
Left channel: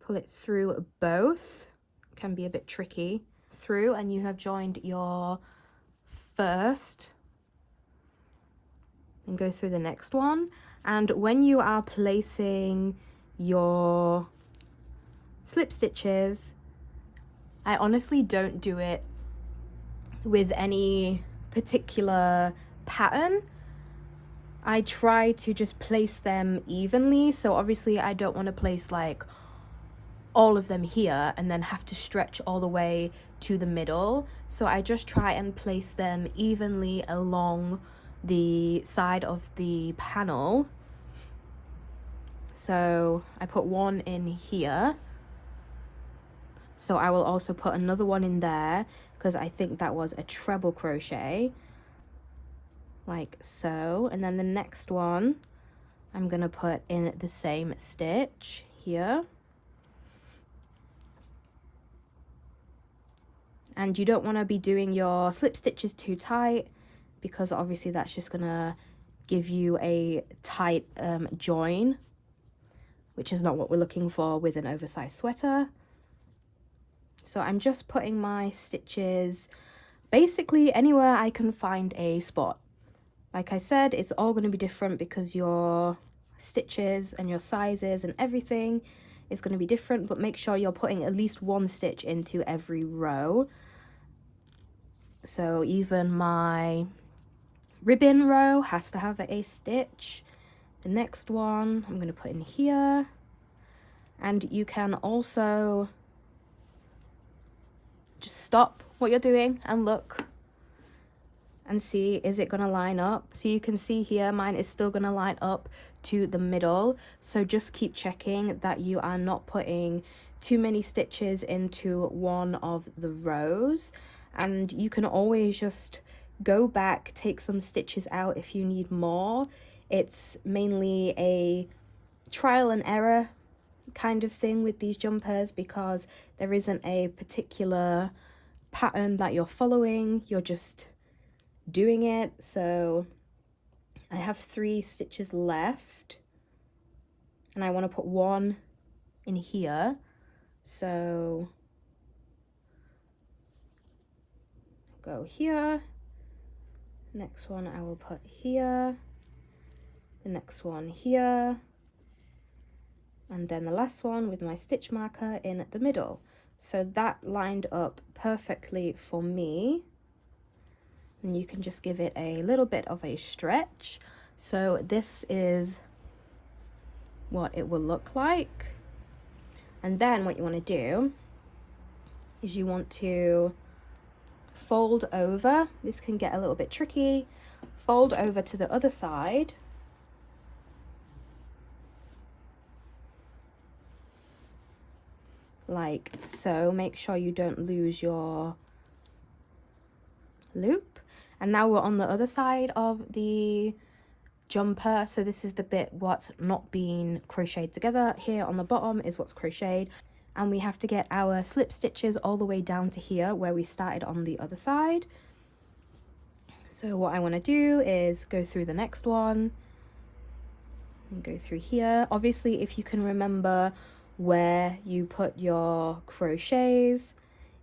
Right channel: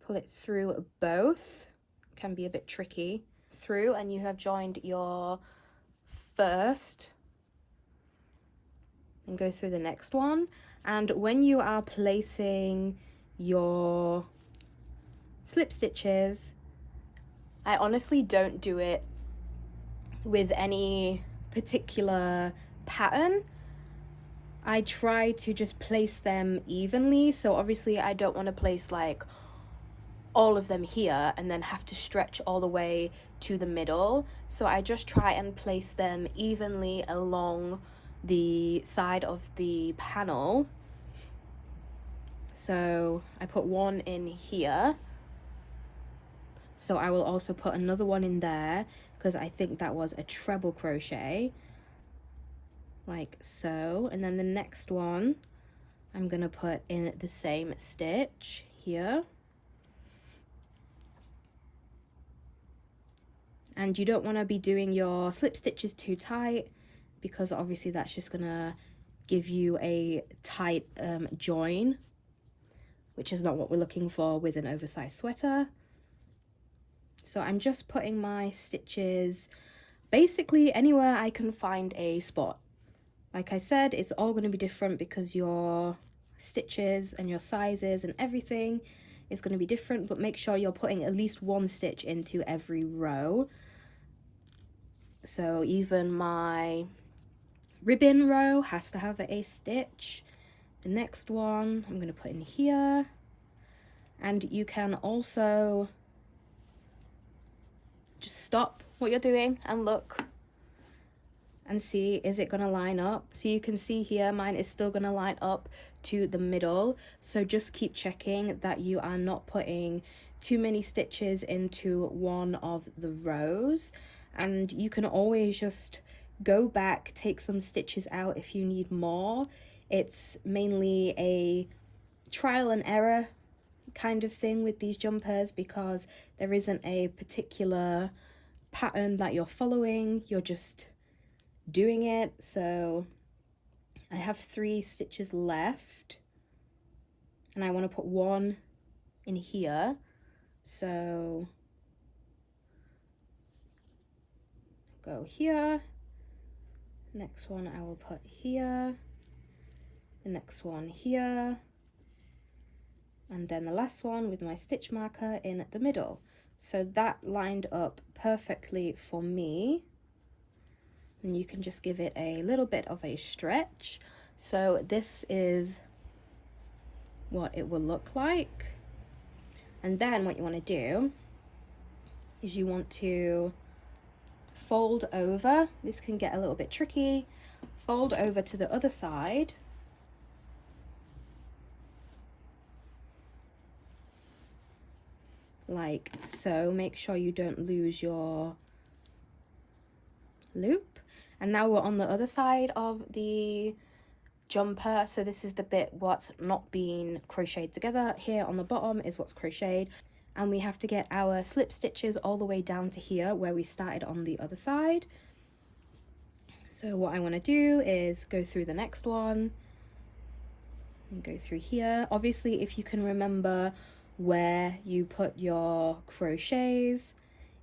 pull it through both, can be a bit tricky, through, and you have joined your first, and go through the next one. And when you are placing your slip stitches, I honestly don't do it with any particular pattern. I try to just place them evenly, so obviously I don't want to place like all of them here and then have to stretch all the way to the middle. So I just try and place them evenly along the side of the panel. So I put one in here, so I will also put another one in there because I think that was a treble crochet, like so. And then the next one I'm gonna put in the same stitch here. And you don't want to be doing your slip stitches too tight, because obviously that's just gonna give you a tight join, which is not what we're looking for with an oversized sweater. So I'm just putting my stitches basically anywhere I can find a spot. Like I said, it's all going to be different because your stitches and your sizes and everything is going to be different, but make sure you're putting at least one stitch into every row. So even my ribbon row has to have a stitch. The next one I'm going to put in here, and you can also just stop what you're doing and look and see, is it going to line up? So you can see here mine is still going to line up to the middle, so just keep checking that you are not putting too many stitches into one of the rows. And you can always just go back, take some stitches out if you need more. It's mainly a trial and error kind of thing with these jumpers, because there isn't a particular pattern that you're following, you're just doing it. So I have 3 stitches left and I want to put one in here, so go here, next one I will put here, the next one here, and then the last one with my stitch marker in the middle. So that lined up perfectly for me, and you can just give it a little bit of a stretch. So this is what it will look like. And then what you want to do is you want to fold over. This can get a little bit tricky. Fold over to the other side. Like so. Make sure you don't lose your loop. And now we're on the other side of the jumper. So this is the bit what's not been crocheted together. Here on the bottom is what's crocheted, and we have to get our slip stitches all the way down to here where we started on the other side. So what I want to do is go through the next one and go through here. Obviously, if you can remember where you put your crochets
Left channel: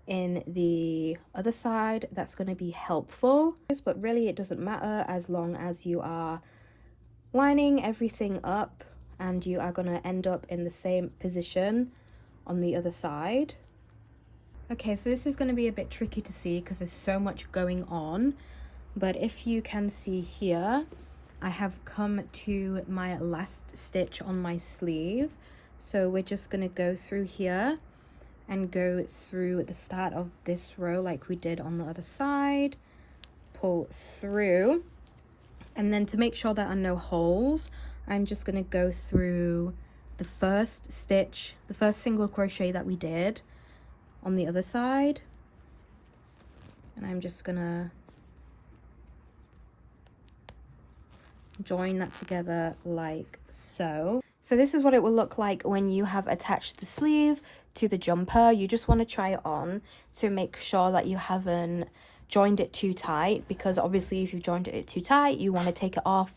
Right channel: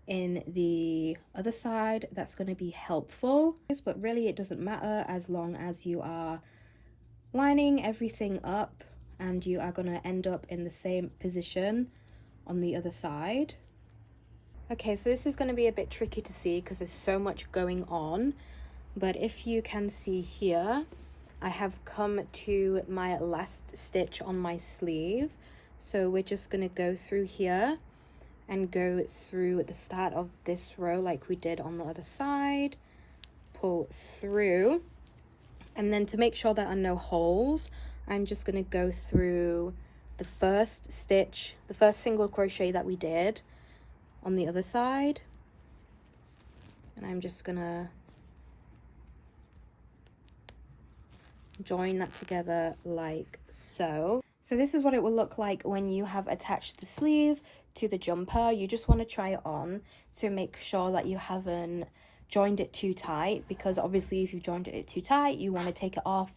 in the other side, that's going to be helpful. But really it doesn't matter as long as you are lining everything up and you are going to end up in the same position on the other side. Okay, so this is going to be a bit tricky to see because there's so much going on, but if you can see here, I have come to my last stitch on my sleeve. So we're just going to go through here and go through the start of this row like we did on the other side, pull through, and then to make sure there are no holes, I'm just going to go through the first stitch, the first single crochet that we did on the other side, and I'm just going to join that together like so. So this is what it will look like when you have attached the sleeve to the jumper. You just want to try it on to make sure that you haven't joined it too tight, because obviously if you've joined it too tight, you want to take it off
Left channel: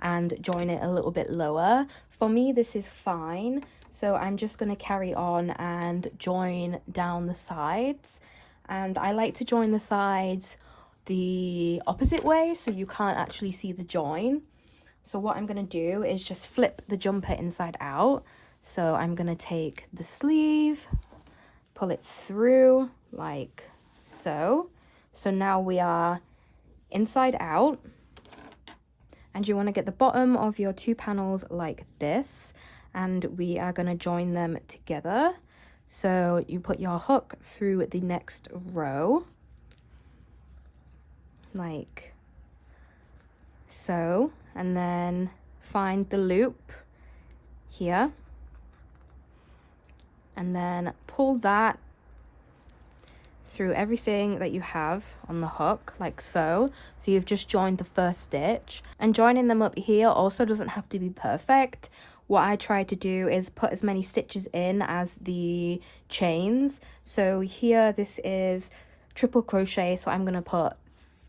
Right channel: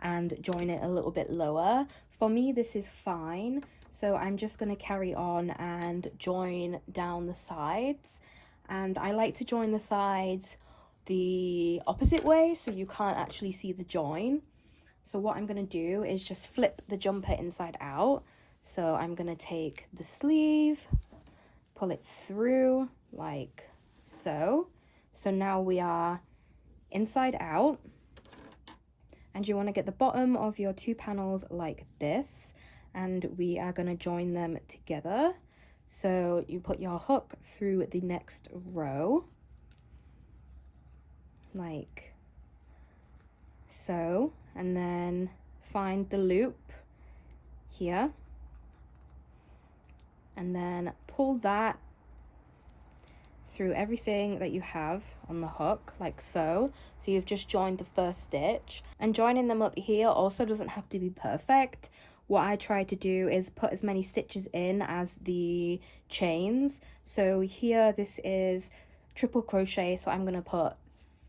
and join it a little bit lower. For me, this is fine, so I'm just going to carry on and join down the sides. And I like to join the sides the opposite way so you can't actually see the join. So what I'm going to do is just flip the jumper inside out. So I'm going to take the sleeve, pull it through like so. So now we are inside out, and you want to get the bottom of your two panels like this, and we are going to join them together. So you put your hook through the next row like so, and then find the loop here and then pull that through everything that you have on the hook like so. So you've just joined the first stitch, and joining them up here also doesn't have to be perfect. What I try to do is put as many stitches in as the chains. So here this is triple crochet, so I'm going to put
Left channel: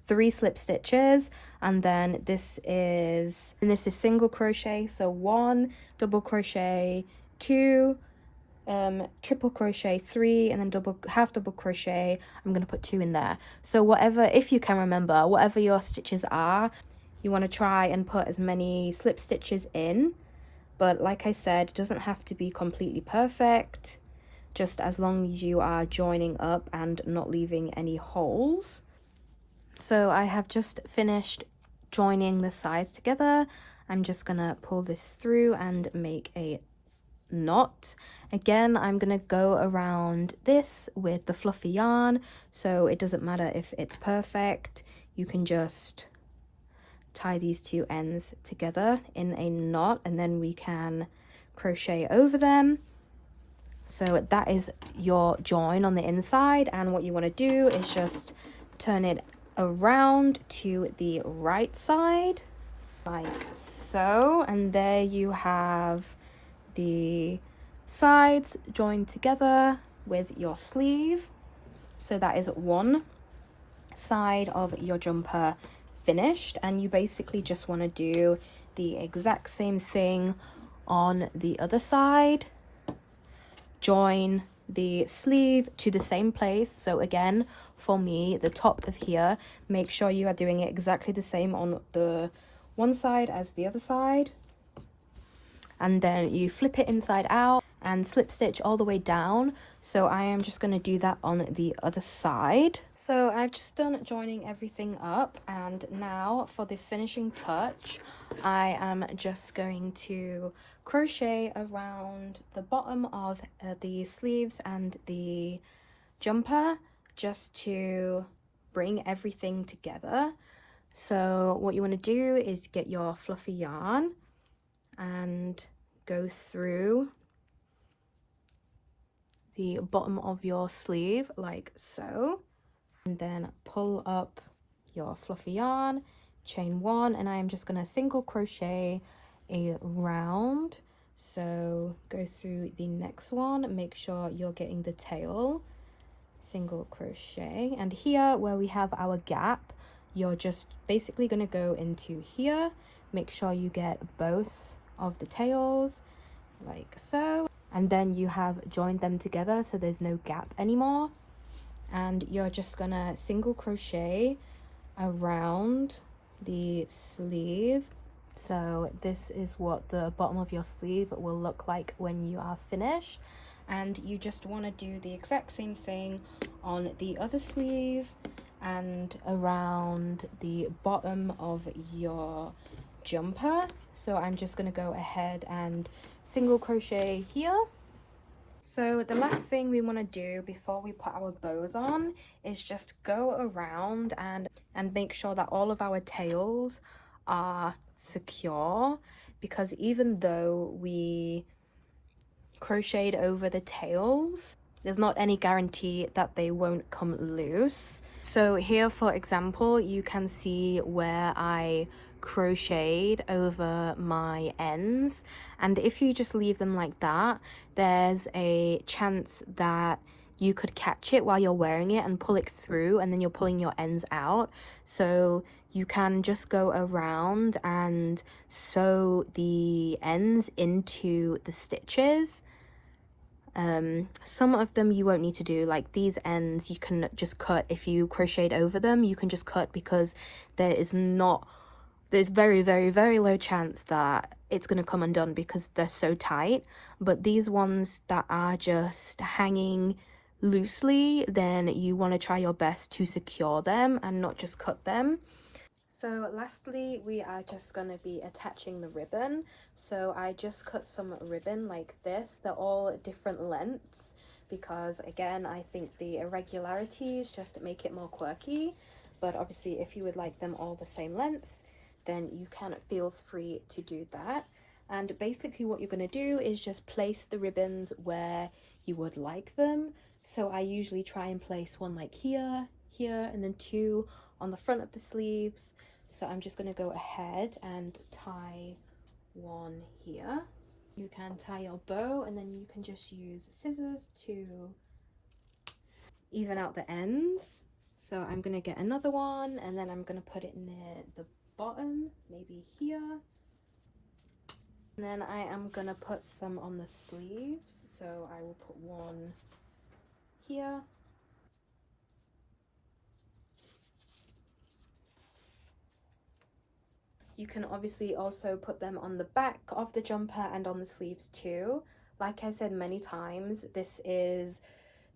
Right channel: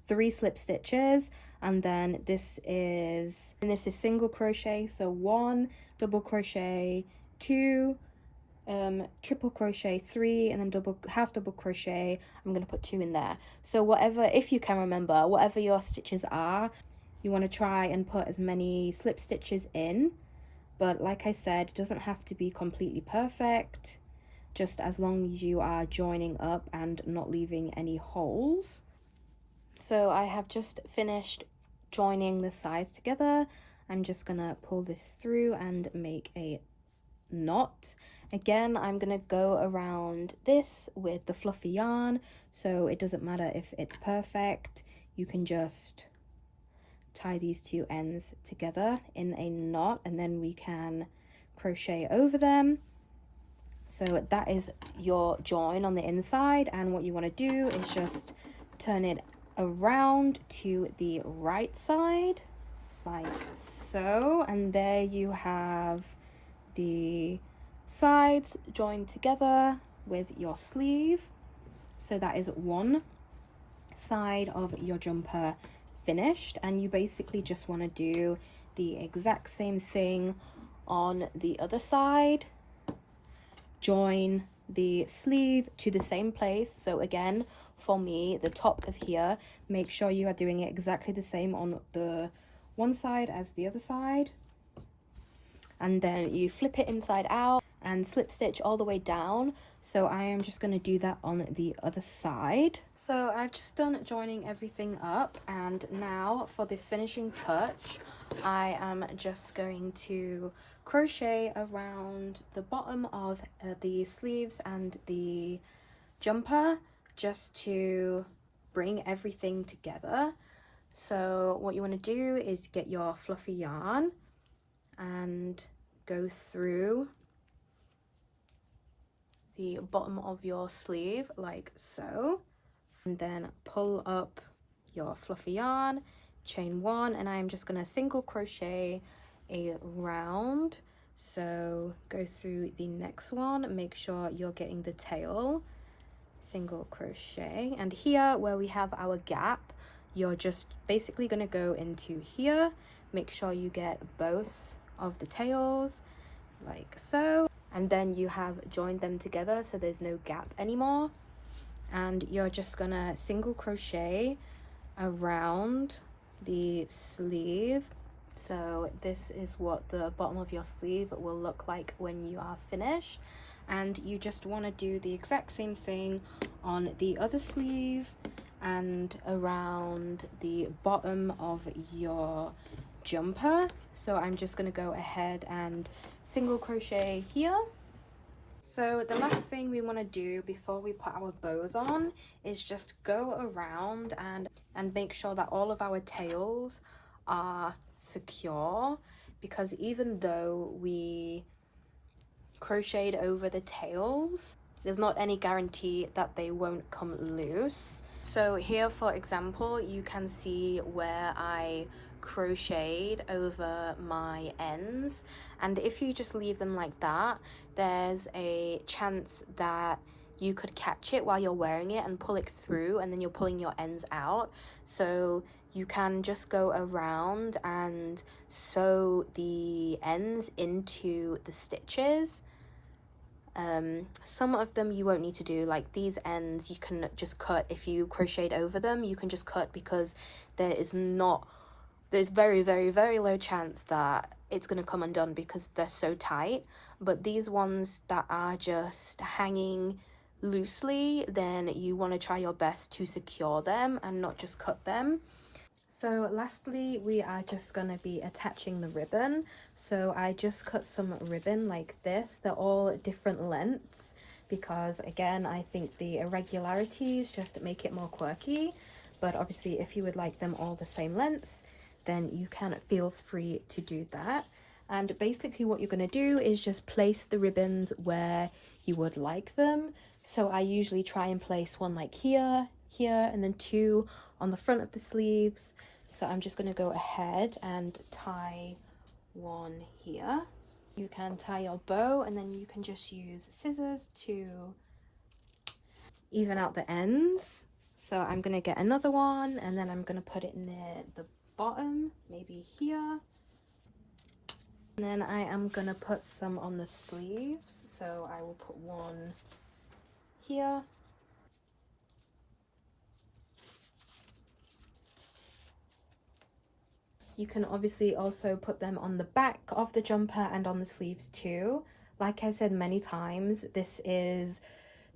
3 slip stitches, and then this is single crochet, so 1 double crochet, 2 triple crochet, 3, and then half double crochet. I'm going to put 2 in there. So whatever, if you can remember, whatever your stitches are, you want to try and put as many slip stitches in. But like I said, it doesn't have to be completely perfect, just as long as you are joining up and not leaving any holes. So I have just finished joining the sides together. I'm just gonna pull this through and make a knot. Again, I'm gonna go around this with the fluffy yarn, so it doesn't matter if it's perfect. You can just tie these two ends together in a knot, and then we can crochet over them. So that is your join on the inside, and what you want to do is just turn it around to the right side like so, and there you have the sides joined together with your sleeve. So that is one side of your jumper finished, and you basically just want to do the exact same thing on the other side. Join the sleeve to the same place. So again, for me, the top of here, make sure you are doing it exactly the same on the one side as the other side, and then you flip it inside out and slip stitch all the way down. So I am just going to do that on the other side. So I've just done joining everything up, and now for the finishing touch, I am just going to crochet around the bottom of the sleeves and the jumper just to bring everything together. So what you want to do is get your fluffy yarn and go through the bottom of your sleeve like so, and then pull up your fluffy yarn, chain one, and I'm just going to single crochet around. So go through the next one, make sure you're getting the tail, single crochet, and here where we have our gap, you're just basically going to go into here, make sure you get both of the tails like so, and then you have joined them together so there's no gap anymore, and you're just gonna single crochet around the sleeve. So this is what the bottom of your sleeve will look like when you are finished, and you just want to do the exact same thing on the other sleeve and around the bottom of your jumper. So I'm just going to go ahead and single crochet here. So the last thing we want to do before we put our bows on is just go around and make sure that all of our tails are secure, because even though we crocheted over the tails, there's not any guarantee that they won't come loose. So here, for example, you can see where I crocheted over my ends, and if you just leave them like that, there's a chance that you could catch it while you're wearing it and pull it through, and then you're pulling your ends out. So you can just go around and sew the ends into the stitches. Some of them you won't need to do, like these ends you can just cut. If you crocheted over them, you can just cut, because there's very, very, very low chance that it's going to come undone because they're so tight. But these ones that are just hanging loosely, then you want to try your best to secure them and not just cut them. So lastly, we are just going to be attaching the ribbon. So I just cut some ribbon like this. They're all different lengths because, again, I think the irregularities just make it more quirky. But obviously, if you would like them all the same length, then you can feel free to do that. And basically what you're going to do is just place the ribbons where you would like them. So I usually try and place one like here, here, and then two on the front of the sleeves. So I'm just going to go ahead and tie one here. You can tie your bow, and then you can just use scissors to even out the ends. So I'm going to get another one, and then I'm going to put it near the bottom, maybe here. And then I am going to put some on the sleeves. So I will put one here. You can obviously also put them on the back of the jumper and on the sleeves too. Like I said many times, this is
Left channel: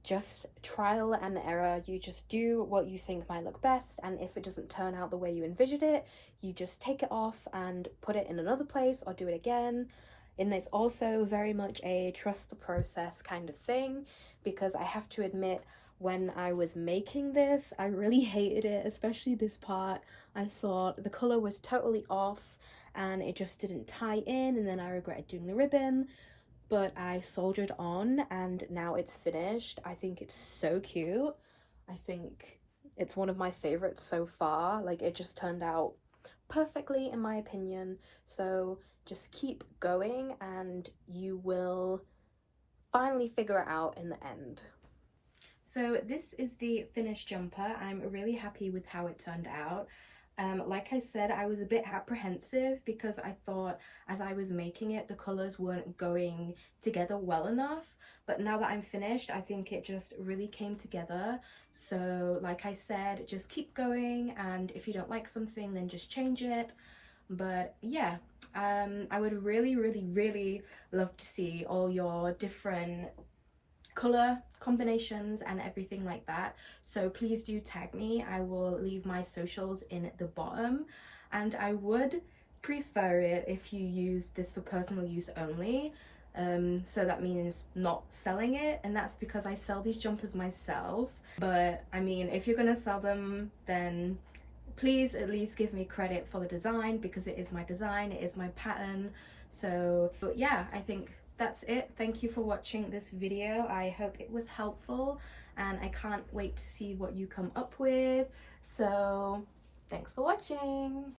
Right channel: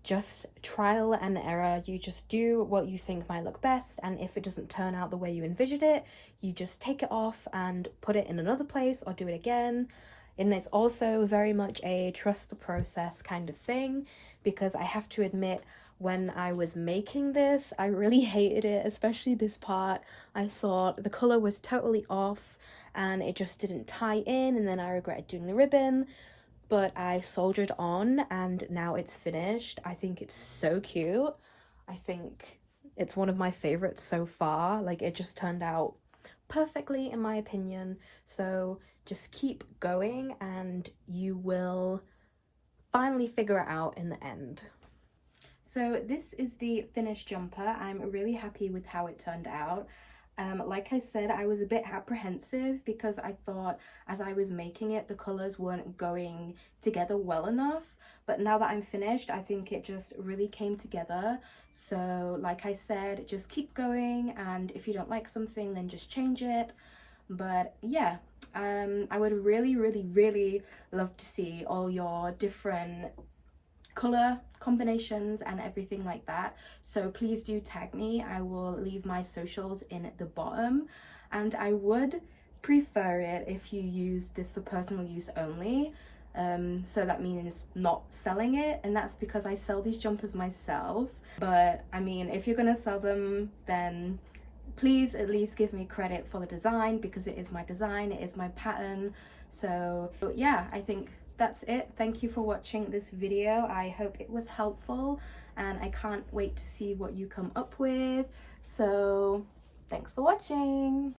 just trial and error. You just do what you think might look best, and if it doesn't turn out the way you envisioned it, you just take it off and put it in another place or do it again. And it's also very much a trust the process kind of thing, because I have to admit, when I was making this, I really hated it, especially this part. I thought the color was totally off and it just didn't tie in, and then I regretted doing the ribbon. But I soldiered on and now it's finished. I think it's so cute. I think it's one of my favorites so far. Like, it just turned out perfectly in my opinion. So just keep going and you will finally figure it out in the end. So this is the finished jumper. I'm really happy with how it turned out. Like I said, I was a bit apprehensive because I thought as I was making it, the colors weren't going together well enough. But now that I'm finished, I think it just really came together. So like I said, just keep going, and if you don't like something, then just change it. But yeah, I would really love to see all your different color combinations and everything like that. So please do tag me. I will leave my socials in the bottom, and I would prefer it if you use this for personal use only. So that means not selling it, and that's because I sell these jumpers myself. But I mean, if you're gonna sell them, then please at least give me credit for the design, because it is my design, it is my pattern. So yeah, I think that's it. Thank you for watching this video. I hope it was helpful, and I can't wait to see what you come up with. So thanks for watching.